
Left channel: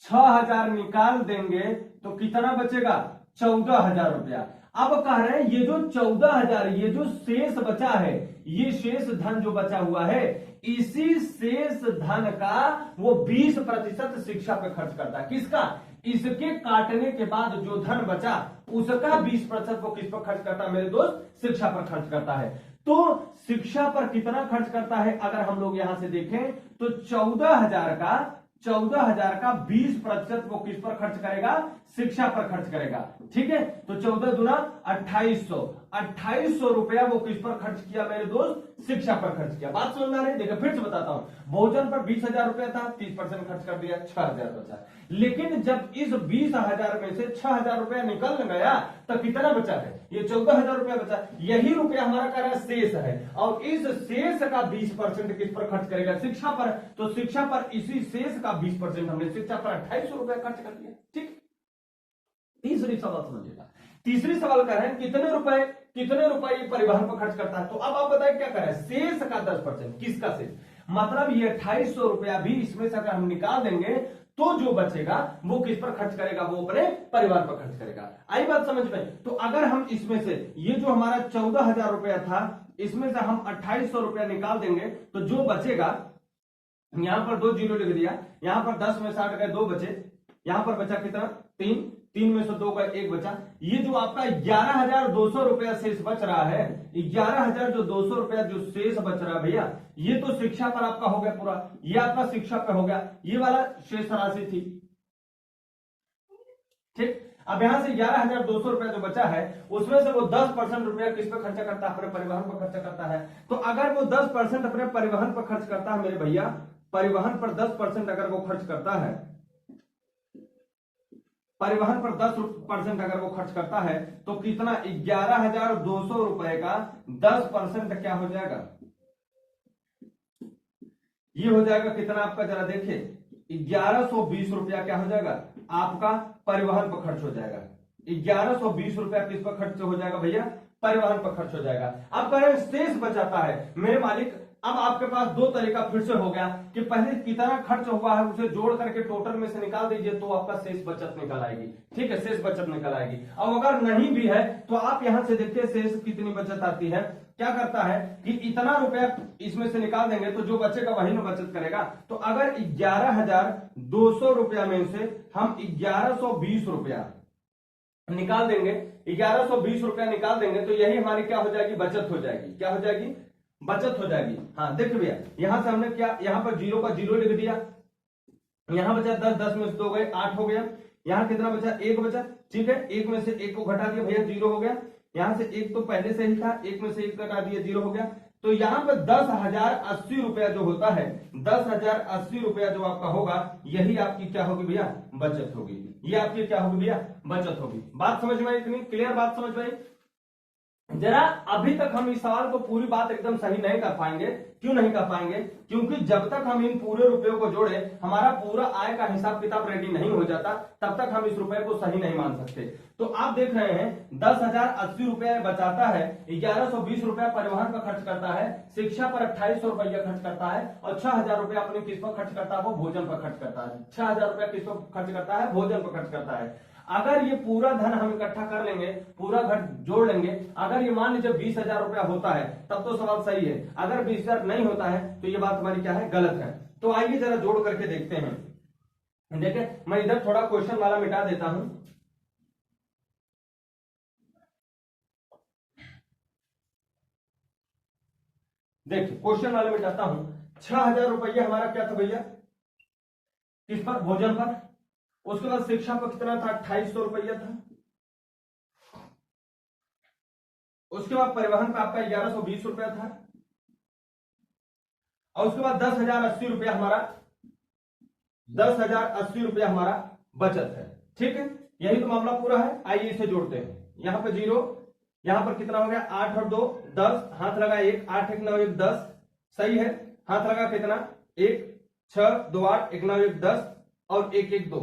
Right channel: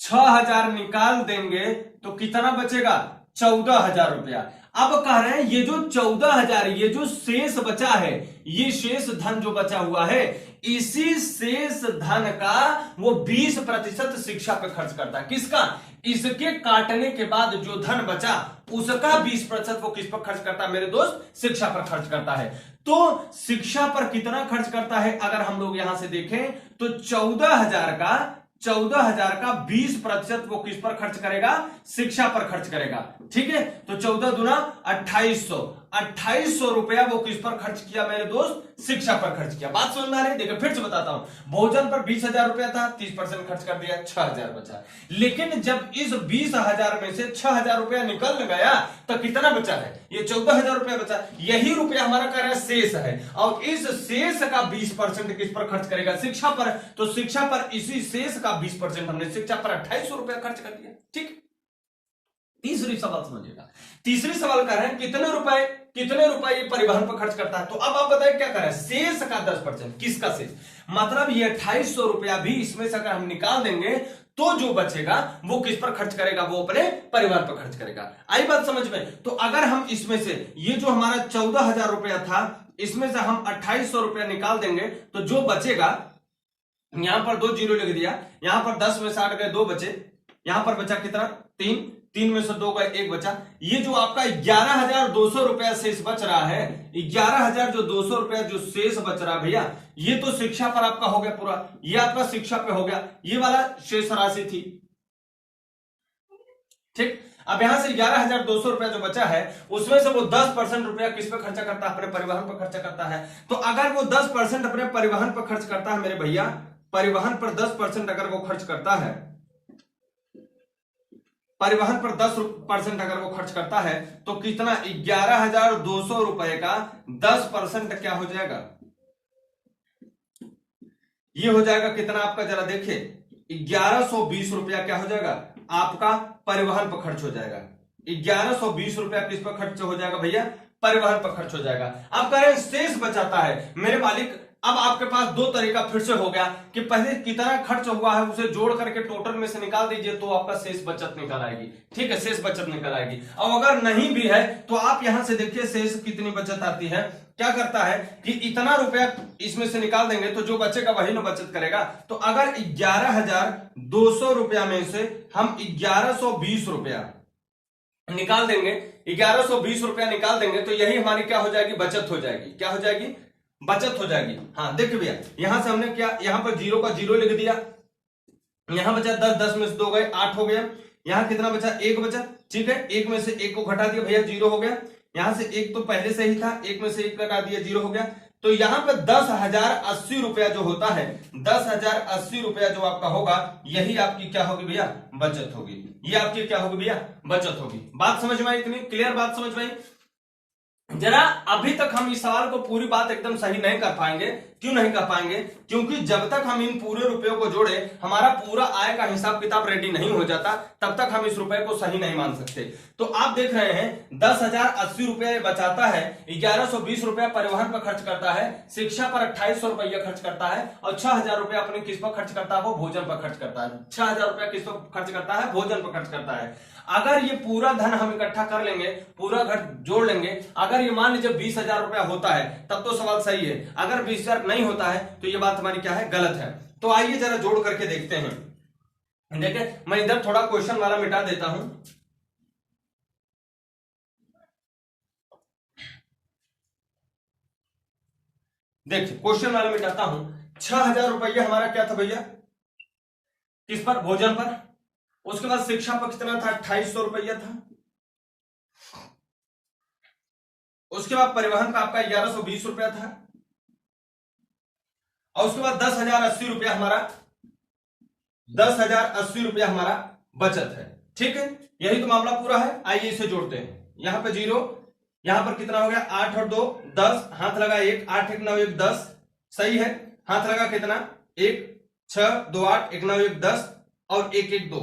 6,000 निकाल देंगे तो कितना बचेगा, 14,000 रुपया। अब कह रहे हैं ये जो 14,000, ये जो शेष बचा है, ये शेष धन जो बचा हुआ है, इसी शेष धन का वो 20% शिक्षा पे खर्च करता है। किसका? इसके काटने के बाद जो धन बचा उसका 20% वो किस पर खर्च करता है मेरे दोस्त? शिक्षा पर खर्च करता है। तो शिक्षा पर कितना खर्च करता है अगर हम लोग यहां से देखें तो 14,000 का 20% वो किस पर खर्च करेगा? शिक्षा पर खर्च करेगा। ठीक है, तो 14 दूना 2800 रुपया वो किस पर खर्च किया मेरे दोस्त? शिक्षा पर खर्च किया। बात समझ में आ रही है? देखो फिर से बताता हूं, भोजन पर 20,000 रुपया था, 30% खर्च कर दिया, 6,000 बचा। लेकिन जब इस 20,000 में से 6,000 रुपया निकल गया तो कितना बचा है? ये 14,000 रुपया बचा। यही रुपया हमारा कह रहा है शेष है, और इस शेष का 20% किस पर खर्च करेगा? शिक्षा पर। तो शिक्षा पर इसी शेष का 20% हमने शिक्षा पर 2800 रुपया खर्च कर दिया। ठीक, तीसरी सवाल समझिएगा। तीसरी सवाल कह रहे हैं कितने रुपए ये परिवहन पर खर्च करता है। तो अब आप बताइए क्या कर रहे हैं? शेष का 10%। किसका शेष? मतलब ये 2800 रुपया भी इसमें से अगर हम निकाल देंगे तो जो बचेगा वो किस पर खर्च करेगा? वो अपने परिवार पर खर्च करेगा। आई बात समझ में? तो अगर हम इसमें से ये जो हमारा 14,000 रुपया था, इसमें से हम 2800 रुपया निकाल देंगे तो जो बचेगा, यहां पर 2 जीरो लिख दिया, यहां पर 10 में से 8 गए 2 बचे, यहां पर बचा कितना? 3 में से 2 गए 1 बचा। ये जो आपका 11,200 रुपया शेष बच रहा है, 11,200 रुपया जो शेष बच रहा है भैया, ये तो शिक्षा पर आपका हो गया पूरा, ये आपका शिक्षा पे हो गया, ये वाला शेष राशि थी। ठीक, अब यहां से 11,200 रुपया जो बचा है उसमें से वो 10% रुपया किस पे खर्चा करता है? अपने परिवहन पर खर्चा करता है। तो अगर वो 10% अपने परिवहन पर खर्च करता है मेरे भैया, परिवहन पर 10% अगर वो खर्च करता है, परिवहन पर 10% अगर वो खर्च करता है तो कितना? 11,200 रुपए का 10% क्या हो जाएगा? ये हो जाएगा कितना आपका? जरा देखिए, 1120 रुपया क्या हो जाएगा? आपका परिवहन पर खर्च हो जाएगा। 1120 रुपया किस पर खर्च हो जाएगा भैया? परिवहन पर खर्च हो जाएगा। अब कह रहे हैं शेष बचाता है मेरे मालिक। अब आपके पास 2 तरीका फिर से हो गया कि पहले कितना खर्च हुआ है उसे जोड़ करके टोटल में से निकाल दीजिए तो आपका शेष बचत निकल आएगी। ठीक है, शेष बचत निकल आएगी। और अगर नहीं भी है तो आप यहां से देखिए शेष कितनी बचत आती है। क्या करता है कि इतना रुपया इसमें से निकाल देंगे तो जो बचेगा वही ना बचत करेगा। तो अगर 11,200 रुपया में से हम 1120 रुपया निकाल देंगे, 1120 रुपया निकाल देंगे तो यही हमारी क्या हो जाएगी? बचत हो जाएगी। क्या हो जाएगी? बचत हो जाएगी। हाँ देखिए भैया, यहां से हमने क्या, यहां पर 0 का 0 लिख दिया, यहां बचा 10, 10 में से 2 गए 8 हो गया, यहां कितना बचा? 1 बचा। ठीक है, 1 में से 1 को घटा दिया भैया, 0 हो गया। यहां से 1 तो पहले से ही था, 1 में से 1 घटा दिया, 0 हो गया। तो यहां पर 10,080 रुपया जो होता है, 10,080 रुपया जो आपका होगा, यही आपकी क्या होगी भैया? बचत होगी। ये आपकी क्या होगी भैया? बचत होगी। बात समझ में आई? इतनी क्लियर बात समझ में आई? जरा अभी तक हम इस सवाल को पूरी बात एकदम सही नहीं कर पाएंगे। क्यों नहीं कर पाएंगे? क्योंकि जब तक हम इन पूरे रुपयों को जोड़े, हमारा पूरा आय का हिसाब किताब रेडी नहीं हो जाता, तब तक हम इस रुपए को सही नहीं मान सकते। तो आप देख रहे हैं 10,080 रुपया बचाता है, 1120 रुपया परिवहन पर खर्च करता है, शिक्षा पर 2800 रुपया खर्च करता है, और 6,000 रुपया अपने किस पर खर्च करता है? वो भोजन पर खर्च करता है। 6,000 रुपया किस पर खर्च करता है? भोजन पर खर्च करता है। अगर ये पूरा धन हम इकट्ठा कर लेंगे, पूरा घर जोड़ लेंगे, अगर ये मान लीजिए 20,000 रुपया होता है तब तो सवाल सही है, अगर 20,000 नहीं होता है तो ये बात हमारी क्या है? गलत है। तो आइए जरा जोड़ करके देखते हैं। देखिए मैं इधर थोड़ा क्वेश्चन वाला मिटा देता हूं। देखिए क्वेश्चन वाला मिटाता हूं। 6,000 रुपया हमारा क्या था भैया? किस पर? भोजन पर। उसके बाद शिक्षा पर कितना था? 2800 रुपया था। उसके बाद परिवहन का आपका 1120 रुपया था, और उसके बाद 10,080 रुपया हमारा, 10,080 रुपया हमारा बचत है। ठीक है, यही तो मामला पूरा है। आइए इसे जोड़ते हैं। यहां पर 0, यहां पर कितना हो गया? 8 और 2 10, हाथ लगा 1, 8 1 9 1 10, सही है। हाथ लगा कितना? 1 6 2 8 1 9 1 10 और 1 1 2।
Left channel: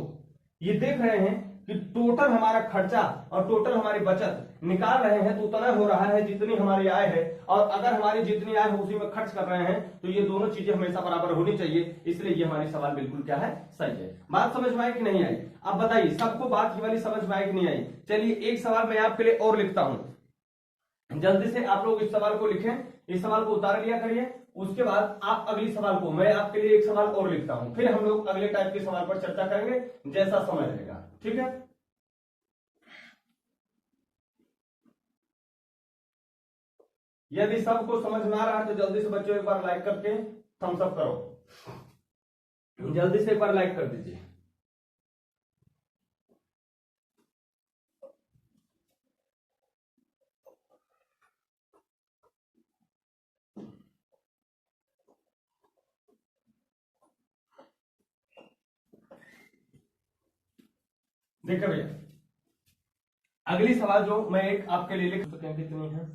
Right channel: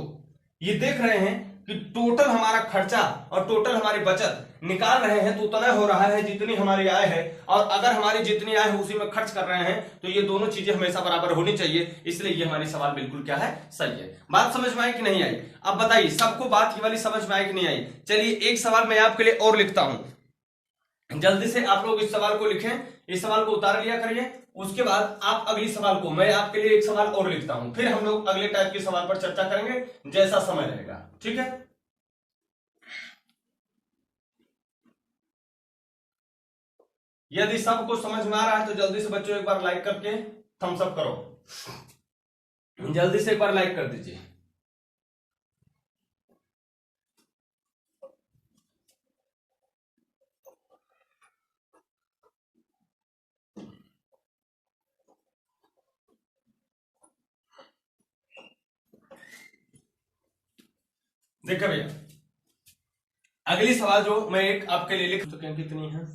ये देख रहे हैं कि टोटल हमारा खर्चा और टोटल हमारी बचत निकाल रहे हैं तो उतना हो रहा है जितनी हमारी आय है, और अगर हमारी जितनी आय है उसी में खर्च कर रहे हैं तो ये दोनों चीजें हमेशा बराबर होनी चाहिए। इसलिए ये हमारी सवाल बिल्कुल क्या है? सही है। बात समझ में आई कि नहीं आई? अब बताइए सबको बात ये वाली समझ में आई कि नहीं आई? चलिए एक सवाल मैं आपके लिए और लिखता हूं, जल्दी से आप लोग इस सवाल को लिखें। इस सवाल को उतार लिया करिए। उसके बाद आप अगली सवाल को, मैं आपके लिए एक सवाल और लिखता हूं, फिर हम लोग अगले टाइप के सवाल पर चर्चा करेंगे जैसा समय रहेगा, ठीक है। यदि सबको समझ में आ रहा है तो जल्दी से बच्चों एक बार लाइक करके थम्स अप करो, जल्दी से एक बार लाइक कर दीजिए। देखो भैया, अगली सवाल जो मैं एक आपके लिए लिख, पुस्तकें कितनी हैं,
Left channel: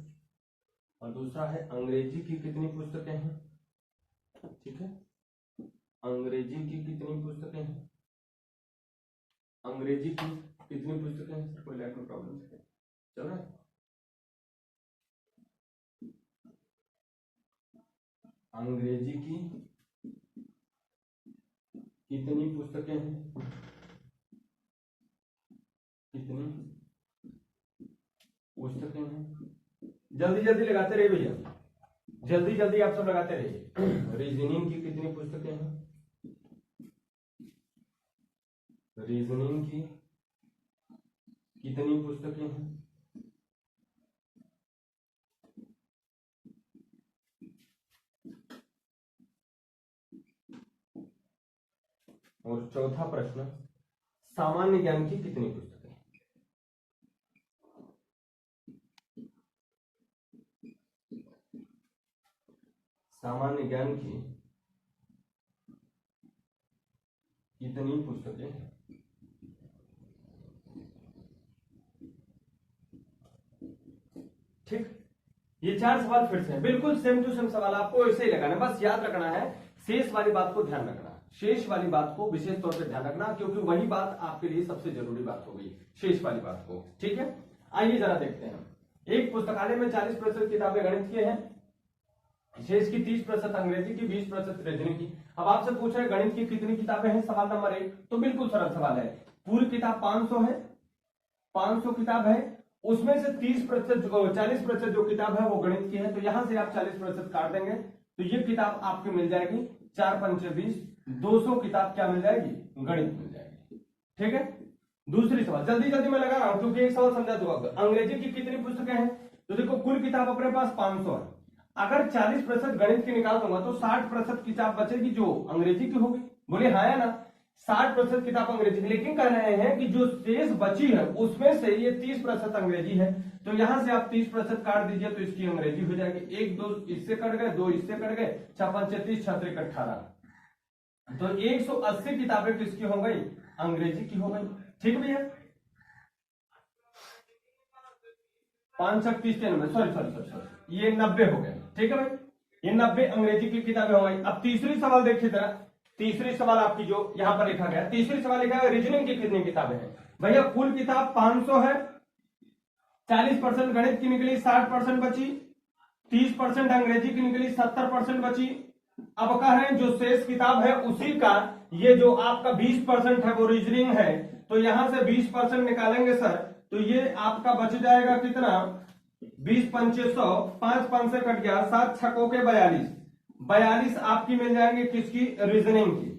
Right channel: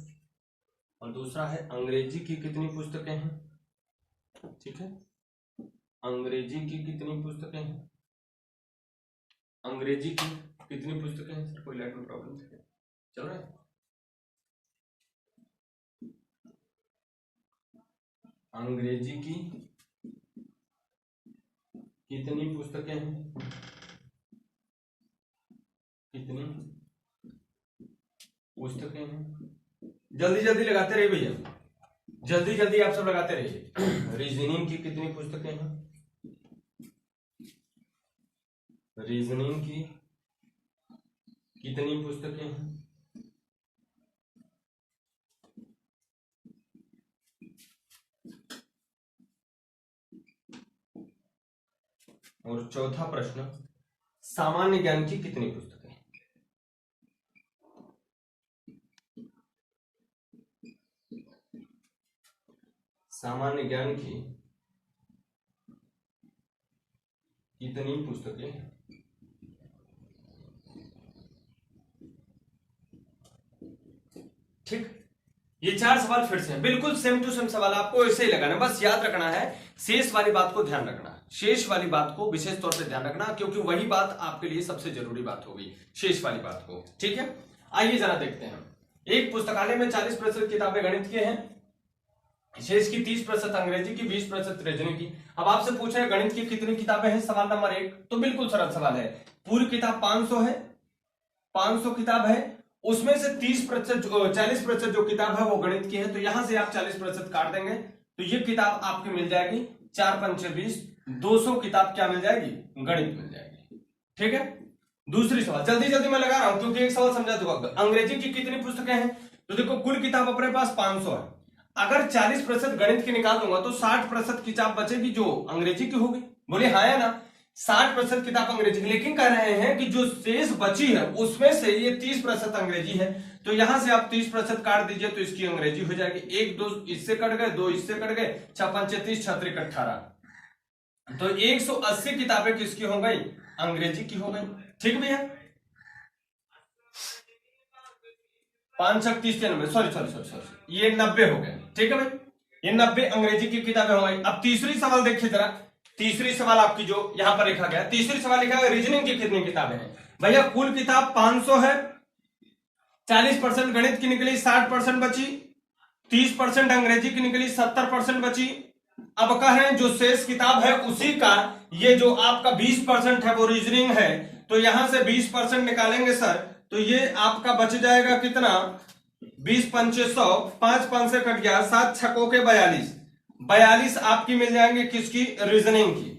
और दूसरा है अंग्रेजी की कितनी पुस्तकें हैं, ठीक है। अंग्रेजी की कितनी पुस्तकें हैं, अंग्रेजी की कितनी पुस्तकें हैं। सर कोई लाइट में प्रॉब्लम चल रहा है। अंग्रेजी की कितनी पुस्तकें हैं, कितनी पुस्तकें हैं, जल्दी जल्दी लगाते रहिए भैया, जल्दी जल्दी आप सब लगाते रहिए। रीजनिंग की कितनी पुस्तकें हैं, रीजनिंग की कितनी पुस्तकें हैं, और चौथा प्रश्न, सामान्य ज्ञान की कितनी पुस्तकें। सामान्य ज्ञान की कितनी पुस्तकें हैं। ठीक, ये 4 सवाल फिर से हैं, बिल्कुल सेम टू सेम सवाल, आपको ऐसे ही लगाना, बस याद रखना है शेष वाली बात को ध्यान रखना, शेष वाली बात को विशेष तौर से ध्यान रखना, क्योंकि वही बात आपके लिए सबसे जरूरी बात होगी, शेष वाली बात को, ठीक है। आइए जरा देखते हैं, एक पुस्तकालय में 40% किताबें गणित की हैं, शेष की 30% अंग्रेजी की, 20% रीजनिंग की। अब आपसे पूछ रहे हैं गणित की कितनी किताबें हैं, सवाल नंबर 1, तो बिल्कुल सरल सवाल है, पूरी किताब 500 है, 500 किताब है, उसमें से 30% 40% जो किताब है वो गणित की है, तो यहां से आप 40% काट देंगे, तो ये किताब आपकी मिल जाएगी 4 पंचे 20, 200 किताब क्या मिल जाएगी, गणित मिल जाएगी, ठीक है। दूसरी सवाल जल्दी जल्दी मैं लगा रहा हूं क्योंकि एक सवाल समझा दूंगा, अंग्रेजी की कितनी पुस्तकें हैं, तो देखो कुल किताब अपने पास 500 है, अगर 40% गणित की निकाल दूंगा तो 60% किताब बचेगी जो अंग्रेजी की होगी, बोले हाँ या ना, 60% किताब अंग्रेजी की, लेकिन कह रहे हैं कि जो शेष बची है उसमें से ये 30% अंग्रेजी है, तो यहां से आप 30% काट दीजिए तो इसकी अंग्रेजी हो जाएगी, 1 2 इससे कट गए, 2 इससे कट गए, 6 5 30, 6 3 18, तो 180 किताबें किसकी हो गई, अंग्रेजी की हो गई, ठीक भैया। 5 6 30 93, सॉरी ये 90 हो गए, ठीक है भाई, ये 90 अंग्रेजी की किताबें हो गई। अब तीसरी सवाल देखिए जरा, तीसरी सवाल आपकी जो यहां पर लिखा गया, तीसरी सवाल लिखा है रीजनिंग की कितनी किताबें हैं, भैया कुल किताब 500 है, 40% गणित की निकली, 60% बची, 30% अंग्रेजी की निकली, 70% बची। अब कह रहे हैं जो शेष किताब है उसी का ये जो आपका 20% है वो रीजनिंग है, तो यहां से 20% निकालेंगे सर, तो ये आपका बच जाएगा कितना, 20 पंचे 100, 5 5 से कट गया, 7 छकों के 42 आपकी मिल जाएंगे किसकी, रीजनिंग की,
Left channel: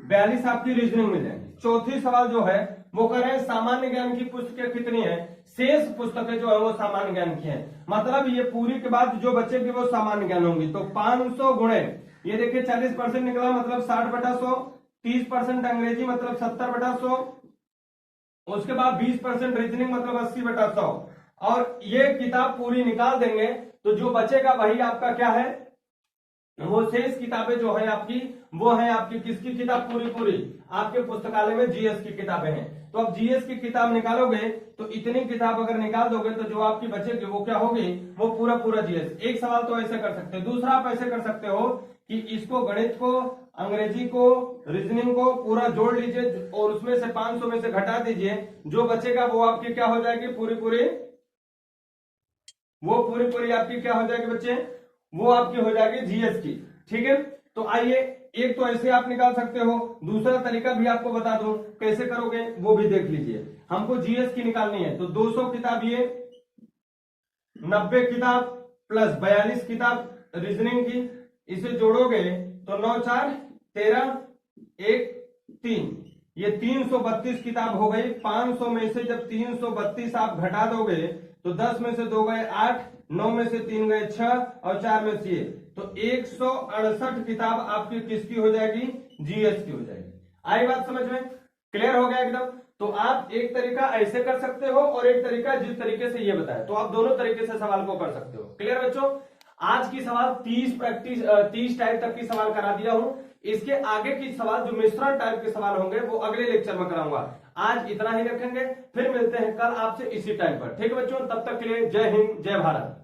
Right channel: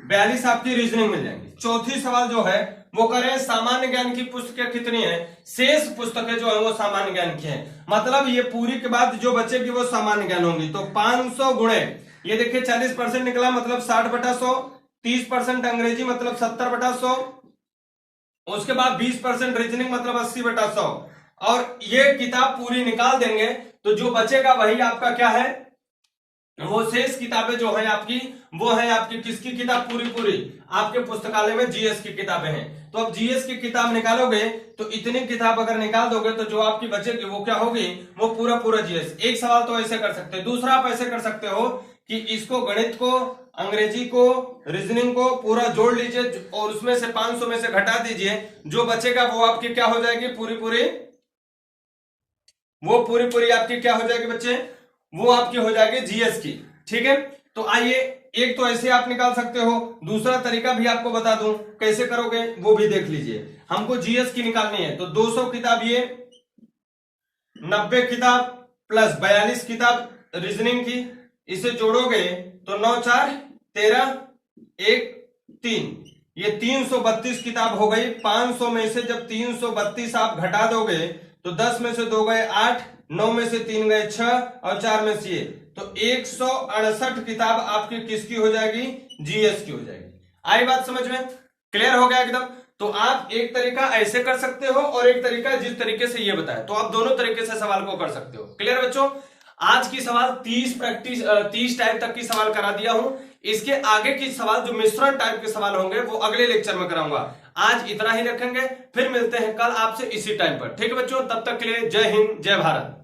42 आपकी रीजनिंग मिल जाएंगी। चौथी सवाल जो है वो कह रहे हैं सामान्य ज्ञान की पुस्तकें कितनी है, शेष पुस्तकें जो है वो सामान्य ज्ञान की है, मतलब ये पूरी के बाद जो बचेगी वो सामान्य ज्ञान होंगी, तो 500 गुणे ये देखिए 40% निकला मतलब 60/100, 30% अंग्रेजी मतलब 70/100, उसके बाद 20% रीजनिंग मतलब 80/100, और ये किताब पूरी निकाल देंगे तो जो बचेगा वही आपका क्या है, वो शेष किताबें जो है आपकी, वो है आपकी किसकी किताब, पूरी आपके पुस्तकालय में जीएस की किताबें हैं, तो अब जीएस की किताब निकालोगे तो इतनी किताब अगर निकाल दोगे तो जो आपकी बचेगी वो क्या होगी, वो पूरा जीएस। एक सवाल तो ऐसे कर सकते हैं, दूसरा आप ऐसे कर सकते हो कि इसको गणित को, अंग्रेजी को, रीजनिंग को पूरा जोड़ लीजिए और उसमें से 500 में से घटा दीजिए, जो बचेगा वो आपकी क्या हो जाएगी, पूरी आपकी क्या हो जाएगी बच्चे, वो आपकी हो जाएगी जीएस की, ठीक है। तो आइए एक तो ऐसे आप निकाल सकते हो, दूसरा तरीका भी आपको बता दूं कैसे करोगे वो भी देख लीजिए। हमको जीएस की निकालनी है तो 200 किताब ये, 90 किताब प्लस 42 किताब रीजनिंग की, इसे जोड़ोगे तो 9 4 13 1 3, ये 332 किताब हो गई। 500 में से जब 332 आप घटा दोगे तो 10 में से 2 गए 8, 9 में से 3 गए 6 और 4 में से ये, तो 168 किताब आपकी किसकी हो जाएगी, जीएस की हो जाएगी। आई बात समझ में, क्लियर हो गया एकदम। तो आप एक तरीका ऐसे कर सकते हो और एक तरीका जिस तरीके से ये बताया, तो आप दोनों तरीके से सवाल को कर सकते हो। क्लियर बच्चों, आज की सवाल 30 टाइप तक की सवाल करा दिया हूं। इसके आगे की सवाल जो मिश्रण टाइप के सवाल होंगे वो अगले लेक्चर में कराऊंगा। आज इतना ही रखेंगे, फिर मिलते हैं कल आपसे इसी टाइम पर। ठीक है बच्चों, तब तक के लिए जय हिंद जय भारत।